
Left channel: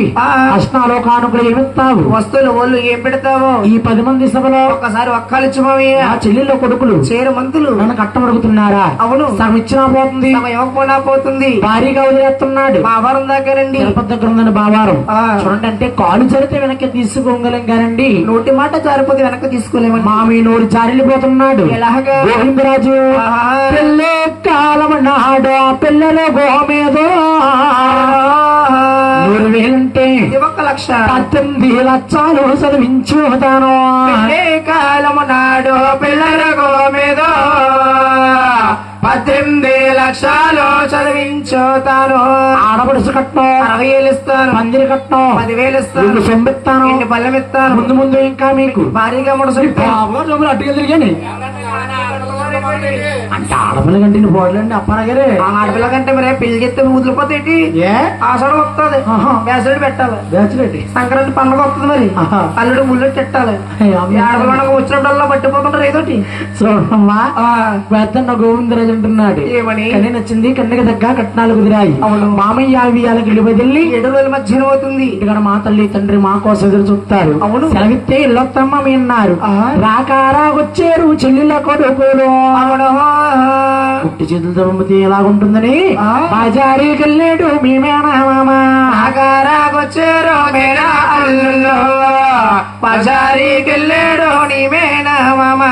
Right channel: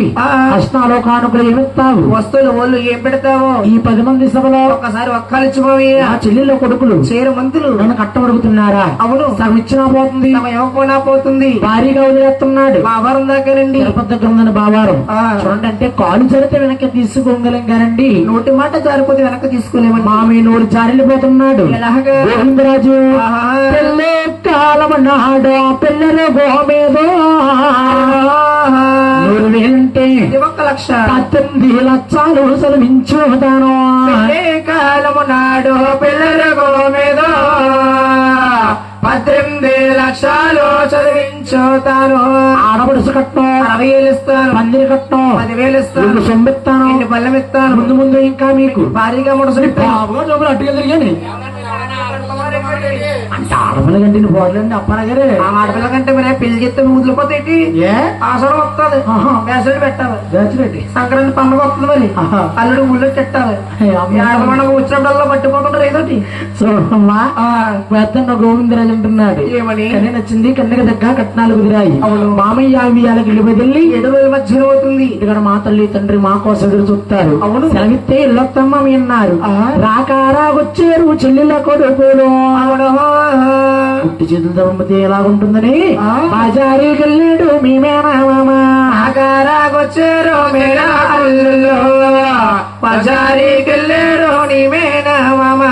కష్టాలు కానుకలు ఏమిస్తావు వస్తువులు ఒళ్ళు ఏం పెడతావో ఈ 10 మంది సభలో ఒకసారి ఒక్కలిచ్చి మామయ్య ఆ చెల్లెల్లో కొడుకులు చేరు మంతులు నన్ను కట్టమడుగుతున్నారా? అవును ఇచ్చినా పోతుంది ఇవ్వకుండా పోతుంది భారీగా వదిలేస్తున్నాడు. బావారం దగ్గరండి తిరుపతి దగ్గర ఉందని బావారం చూడండి అంటే కాలు జరితే వెనక్కి తీసుకోగలం కానండి నోటి మాట జారిపోతే వెనక్కి తీసుకోలేము. మామి నోరు జారిపోతున్నాడు. ఎలాగా గోవిందరాజు పెళ్ళే కాలం నాడు పిల్లల గోమేదో 1,000 1,00,000 18 లక్షలు చదివించుతాను కాలము నాడు పిల్లల గోమేదో 18 లక్షలు చదివించుతాను. ఆడపడుసు కట్నం 60,000 ఇస్తాను. మందిరి కట్నం 10,000 ఇస్తాను. చెంబిస్తాను పల్లెం ఇస్తాను. ముందు ముందు ఇంకా మీకు భారీగా ముడుసు అట్టుగా తిరిగాని అంటే ఆడపిల్ల కంటే పోడలేండి అప్పనగారే ఆడపిల్ల కంటే మరే పెళ్లి చెప్తే ముదిలిపోతేటి ఆసనం వస్తుంది వేసడి పెట్టాలి. సంక్రాంతి పండుగ వస్తుంది మరి అల్లుడు ముళ్ళు పెట్టాలి. ఆడపిల్ల వచ్చినప్పుడల్లా పట్టిపోతుంటారు ఏదోటి. చూడమ్మా పెద్దన్న గోవిందరాజు అంటున్నాడు ఏమని కన్నీ నచ్చింది కన్నెగ దగ్గర కట్నాలు కుదిరాయి. మామయ్య వియాలకి ఇల్లు బదిలి 7 రోజుల మధ్యన అవుతుంది. ఇక్కడ మా తల్లి తండ్రి మా కోసం ఎదురు చూస్తారు. అవును సెలవిస్తే ఇల్లొత్తమ్మ మీ అన్నారు. రాకారాగొచ్చారు చెల్లెళ్ళ కొడుకులు పుట్టి చేతులతో పంపితే ఎలాగుంటుందని బాజారీకి వెళ్ళాడు మీ మేనమామా. రాకారాగొచ్చారు మేనా అల్లుళ్ళు బాజారీకి వెళ్ళాడు నీ మేనమామా.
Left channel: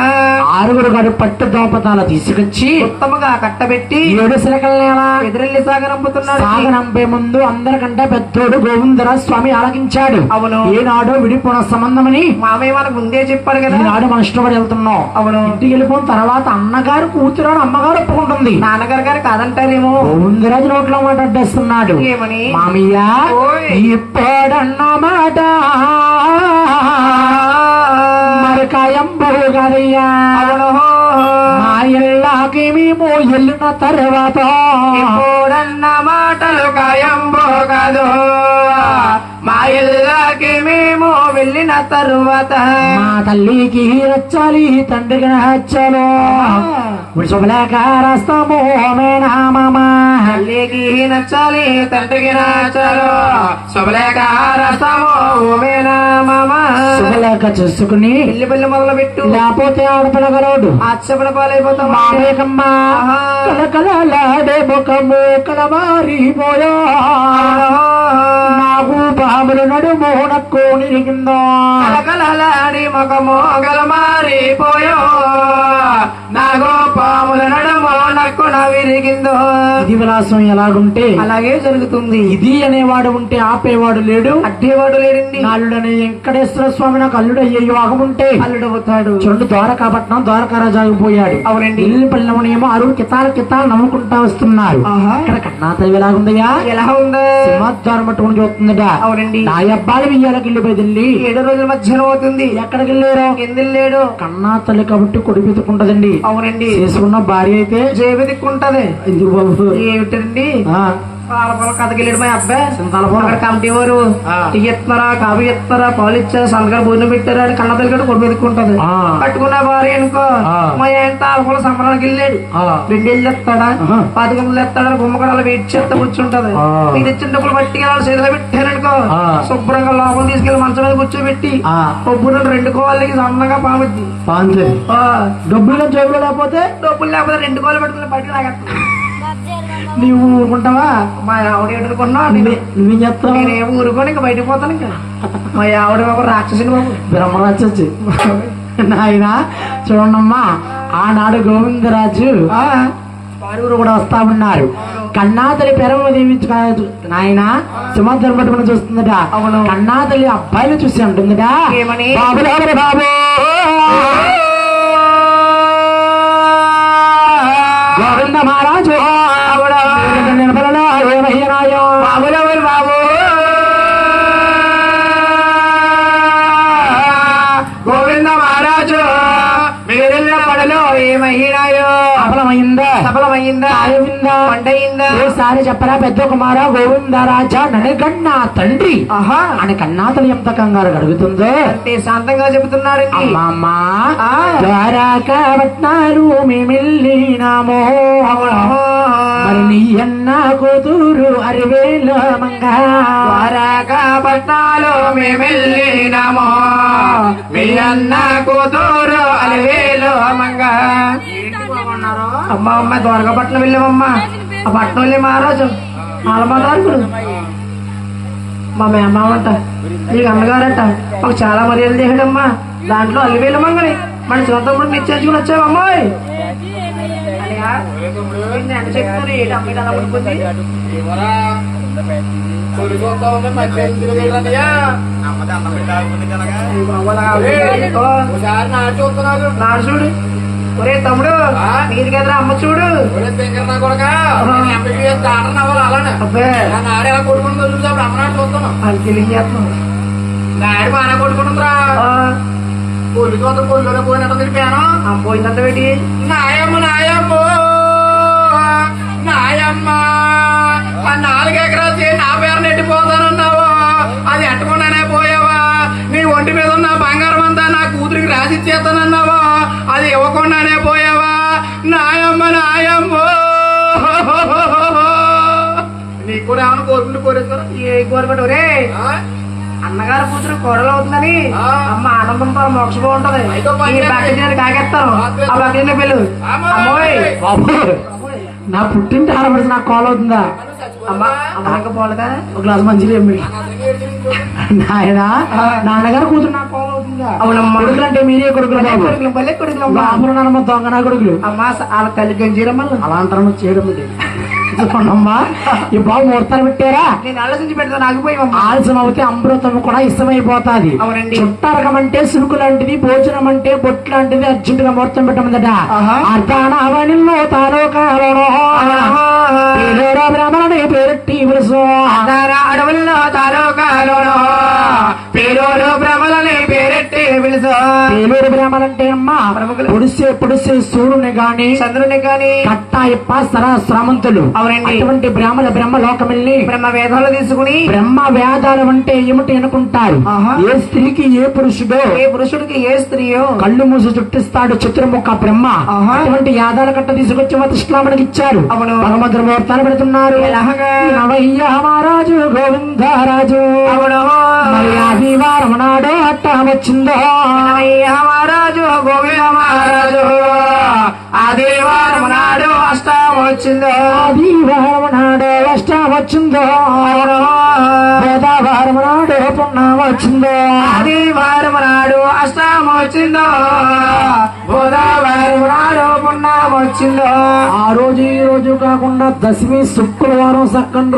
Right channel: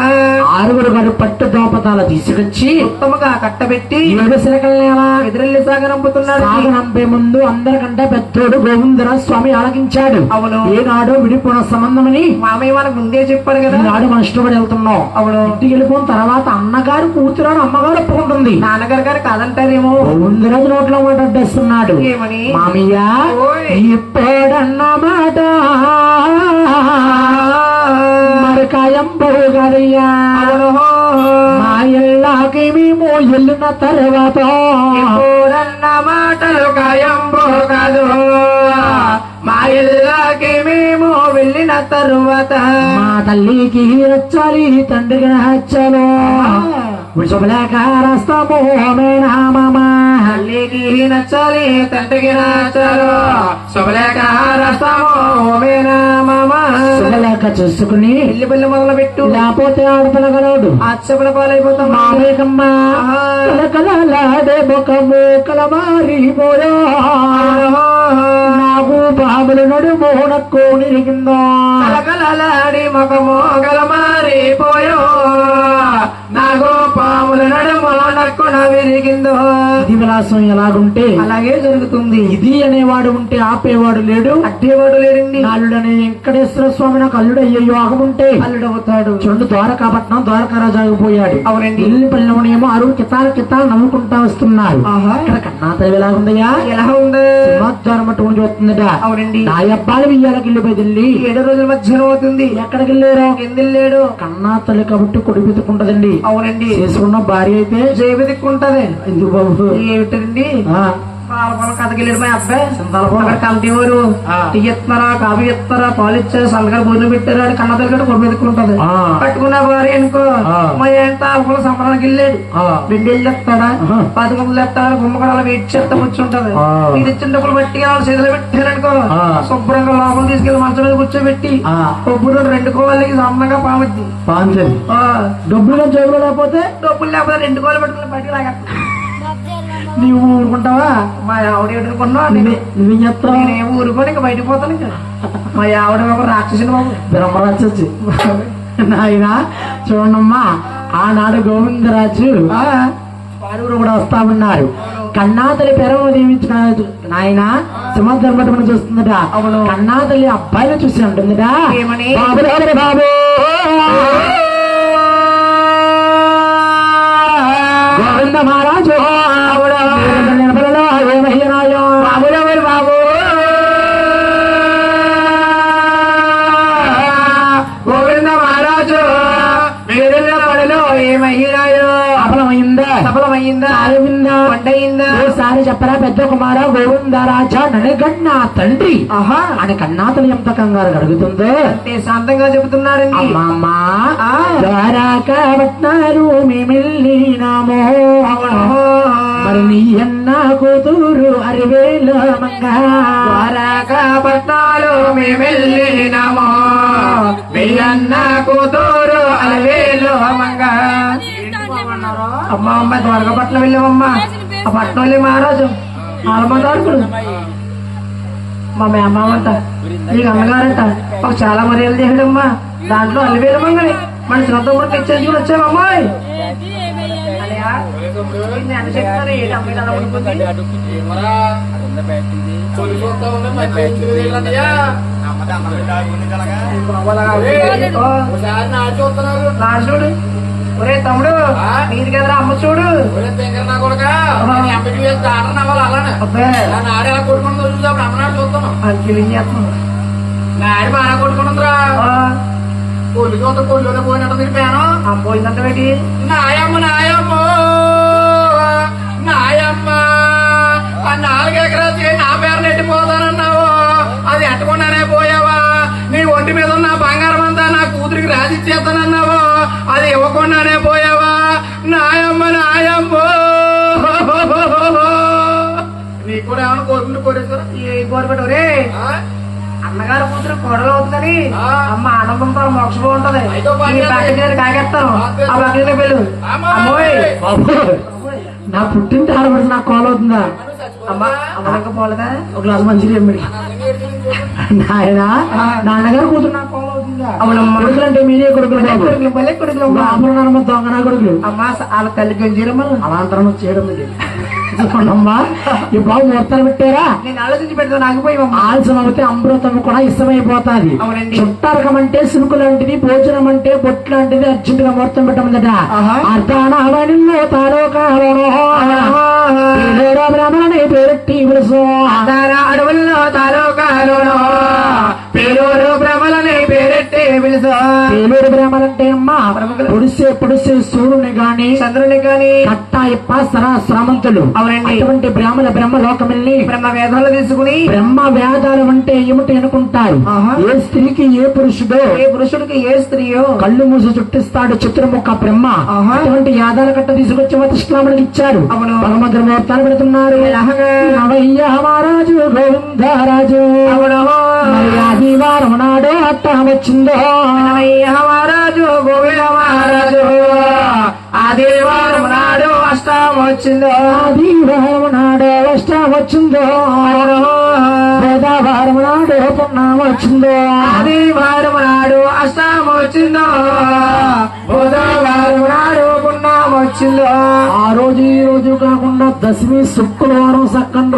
6 గారు పట్టు దోపతాల తీసుకొచ్చి ఉత్తమగా కట్టబెట్టి 7 శిలకల్లేవా ఎదురెల్లి సాగనంపుతున్నాడు. సాగనంపే ముందు అందరికంటే పెద్దోడు గోవిందరాజ స్వామి ఆలకించాడు. అవును ఏనాడు విడిపోయిన సంబంధమని మామయ్య మనకు ముందే చెప్పారు కదా. ఈనాడు మన ఇష్టపడి వెళ్తున్నాం. అవును ఇంటికి వెళ్ళిపోయిన తర్వాత అన్నగారు కూతురాడు అమ్మగారు ఒప్పుకుంటుంది. నాన్నగారు గారు కాదంటారేమో. గోవిందరాజు నోట్లో మాట అడ్డేస్తున్నాడు. ఏమని మామయ్య ఇప్పుడన్న మాట మరకాయం బరుగదయ్యా మా ఇళ్ళకి మేము వెళ్ళిన తర్వాత ఇప్పుడన్న మాటలు కాయం పోగదు మా ఇళ్ళకి మేము వెళ్ళిన తరువాత మా తల్లికి నచ్చాలి తండ్రికి నచ్చాలి శుభలేఖరస్తాము మేనమామా. తల్లికి నచ్చాలి తండ్రికి నచ్చాలి శుభలేఖరస్తాము మేనమామా. శుభలేఖ చూసుకుని పెళ్లి పెళ్లి మొదలు పెట్టు లేకపోతే ఆడపిల్లగలడు ఆచపడ పాలైపోతాం. మామేకమ్మా కలకలాడే ముఖము కలమారిపోయా నాకు బాబుల నడుము నక్కు నిరిగిందా కలకలాడి ముఖము కలమారిపోయా నాకు పాముల నడుము నక్కున విరిగిందో. ఇది విలాసం ఎలాగుంటే అలాగే జరుగుతుంది. ఇది అనేవాడు ఉంటే ఆపేవాడు లేడు అడ్డేవాడు లేడండి. అల్లుడు అనే వెంకటేశ్వర స్వామి నాకు అల్లుడు అయ్యో ఆగముంటే అల్లుడవుతాడు. చూడండి ద్వారకాపట్నం ద్వారకారాజాగిపోయాడు. అవునండి ఇల్లు పల్లెమనేమో 6 కితాలు నమ్ముకుంటా వస్తున్నారు. ఇక్కడ కన్నా తల్లి ఎలా ఉందయ్యా ఎలా ఉందా సింహాద్వారం అటువంటి చూస్తుందట. అవునండి నా అబ్బాయి వియ్యాలకి ఇల్లు బదిలి 7 రోజుల మధ్యన అవుతుంది. ఎక్కడికి వెళ్ళారు కిందెళ్ళాడు. కన్నా తల్లి కాబట్టి కొడుకు వెతుకుంటదండి. అవునండి చేసుకున్న భార్య అయితే జేబు దిక్కుంటది. ఇది బాబు ఏమిటండి కథకెళ్ళాడు మా అబ్బాయి సింతాలపూర్ కమిటీ వారు టీ ఇస్తున్నారా కాఫీ ఇస్తున్నారా పాలు ఇచ్చారు సంతకాలు బూర్లు పెట్టారు కన్న దగ్గర కొడు పెట్టుకుంటది. కట్టుకున్న భార్య అనుకో మా ఏంట కూడా సంబరానికి వెళ్ళాడు. 2 ఏళ్ళు చెప్తాడా 10 గంటలు చెప్తాడని గుమ్మకడ అలా వెయిట్ చేస్తే కూర్చుంటది. ఇది ఇచ్చినప్పుడు బట్టి చేతిలో పెట్టారనుకో శుభ్రంగా లోపల తీసుకెళ్లి మంచం మీద కూర్చోబెట్టి బుర్ర 2 కోళ్ళకి సొంతంగా పాముద్ది. డబ్బులు జోబులు లేకపోతే 2 కోళ్ళు పెట్టుకుని బయటకు లాగేస్తా. నీవు ఊరుకుంటావా? మా ఆవిడ ఎడుకున్నా నువ్వేం చేస్తావు? నేను ఊరుకొని ఇంకా బయటకు పోతాను. ఇంకా మా ఆవిడ బాబు రాక్షసుని బాబు బ్రహ్మరాక్షసి నాయన చూడమ్మా. ఆనాడు గోవిందరాజు వారు కూడా వస్తా ఉన్నారు. కన్నాతల్లి పెరవ దీవించు నాయన సింహాద్వారం పట్టుకుని చూస్తుందట. కన్నాతల్లి అబ్బాయిని చూసి అంటుందట ఏమని బాబు బాబు గోవింద మహారాజు ఏమయ్యనాయో బాబులెవరు బాబు గోవింద మహారాజు మీరెళ్ళ పడలో ఏమయ్యాయో సఫలమైందా అరవిందా వంటయిందా ఒకసారి చెప్పరా పెద్ద కుమార గోవిందరాజా నడగన్నా తండ్రి అని కన్నాతలు ఎంత కంగారు అడుగుతుందో అంటే శాంతంగా చెబుతున్నారండి అమ్మా ద్వారకాపట్నాలు మేమెళ్ళినామో మరి నీ అన్న కూతురు అరివేల మంగ ద్వారకాపట్నాలు మేమెళ్ళినామో మీ అన్న కూతురు అరివేల మంగ అమ్మ అమ్మ ద్వారకాపట్నం వెళ్ళామమ్మా ఆ పట్నం వెళ్ళి మహారాజు ఆలమాతారుకుడు మా మేమావంట మీ అమ్మగారంట ఒక చాలా మర్యాదలు చేసాడమ్మా దాంట్లో అల్లివేలు మంగని మన చిన్నతమ్ముడు నిశ్చయించుకుని వచ్చామమ్మాయి చెప్తారు ఏంటి అమ్మాయి అలా ఉండిపోతుంది చూడు ఒరే తమ్ముడు నీది కదరా అమ్మ చూడు నాడు బాగా కొడుకుంటుందిరా పొల్లి చోట పొల్లిలోనే పోయినట్టు తిరిపాను పోయిందంత పెట్టి నాయమ్మ నాయమ్మో నాయమ్మ ఆ 4 ఎకరాలు నా పేరు నెట్టిపోతానన్నావు అది ఎట్టకుండానే పోయావా నీ ఒంటి మీద ఉన్న బంగారం అంతా నా కూతురికి రాసిచ్చేస్తానన్నావు అది ఇవ్వకుండానే పోయావా నాయమ్మ నాయమ్మో నీ కూడా ఏమన్నా కోరుకుంటూ కోరేస్తారా ఏ కోరుకుంటూ రే అన్నగారు కూతురు కోడలు అవుతుందని అమ్మ ఆనందంతో మోక్షం ఉంటది కాగేస్తారు ఆ బకెట్ పెళ్ళు నా పుట్టింటి ఆడబడి నాకు కాల్ అవుతుందా అమ్మా అమ్మక పోలేదా ఒక గ్లాస్ మంచిగా నాయన నాన్నగారు కూతురు నాకు కాల్ అవుతుందా కొడుకులు అంటే మీరే కొడుకులు పల్లె కొడుకులు అమ్మ దొంగ కొడుకులు అమ్మా వాళ్ళ తల్లి గంజీరమ్మ అలాంతరం చేయడం అమ్మా ఈ బాబు ముహూర్తాలు పెట్టారా నేను ఆలోచించి పెడతాను ఆగిపోయామ్మా ఆలస్యం అవుతే అమృతం కూడా ఇష్టమైపోతాది చుట్టారకం అంటే సిరుకు లాంటిది భోజనం అంటే బొట్టు లాంటిది అర్జెంట్ గా ముహూర్తం పెట్టమందట అర్ధానవనిలో తారో బ్రాహ్మణి పేరెట్టి అడవుల్లో తారో కాలో పేరూరు బ్రహ్మలని పేరెట్టి పిలుసు పేరూరు బ్రహ్మలంటే అమ్మా పొడిసే సూర్యుని గాని చంద్రుని గాని కట్టాయప్ప సరాశ్రామంతులు అటువంటి బ్రహ్మ లోకం వెళ్ళి బ్రహ్మ వేదాలు తీసుకుని బ్రహ్మ వేదాలు అంటే ఏమిటి అనుకుంటారు ఏ స్త్రీకి ఏ పురుషుడికి ఏ స్త్రీయో కళ్ళు మూసి చుట్టిస్తాడు చతుర్ముఖ బ్రహ్మ అటువంటి యాదాల కట్ట తీసుకొచ్చి మతశ్లాముడికి ఇచ్చారు పరమద్ర ముహూర్తాలు పెడుతున్నారు మహారాజు గోవిందరాజు ఆదివారం నాడు అట్ట వచ్చిందో మహారాజు గోవింద మహారాజు ఆదివారం నాడు అష్టం వచ్చిందో ఆదివారం నాడు అష్టం వచ్చిందో బుధవారం నాడు పుణ్యం వచ్చిందో ఆదివారం నాడు అష్టం వచ్చిందో బుధవారం నాడు పుణ్యం వచ్చిందో ఆ రోజు ఈ రోజు కాకుండా దశమి శుక్రవారం సక్కండు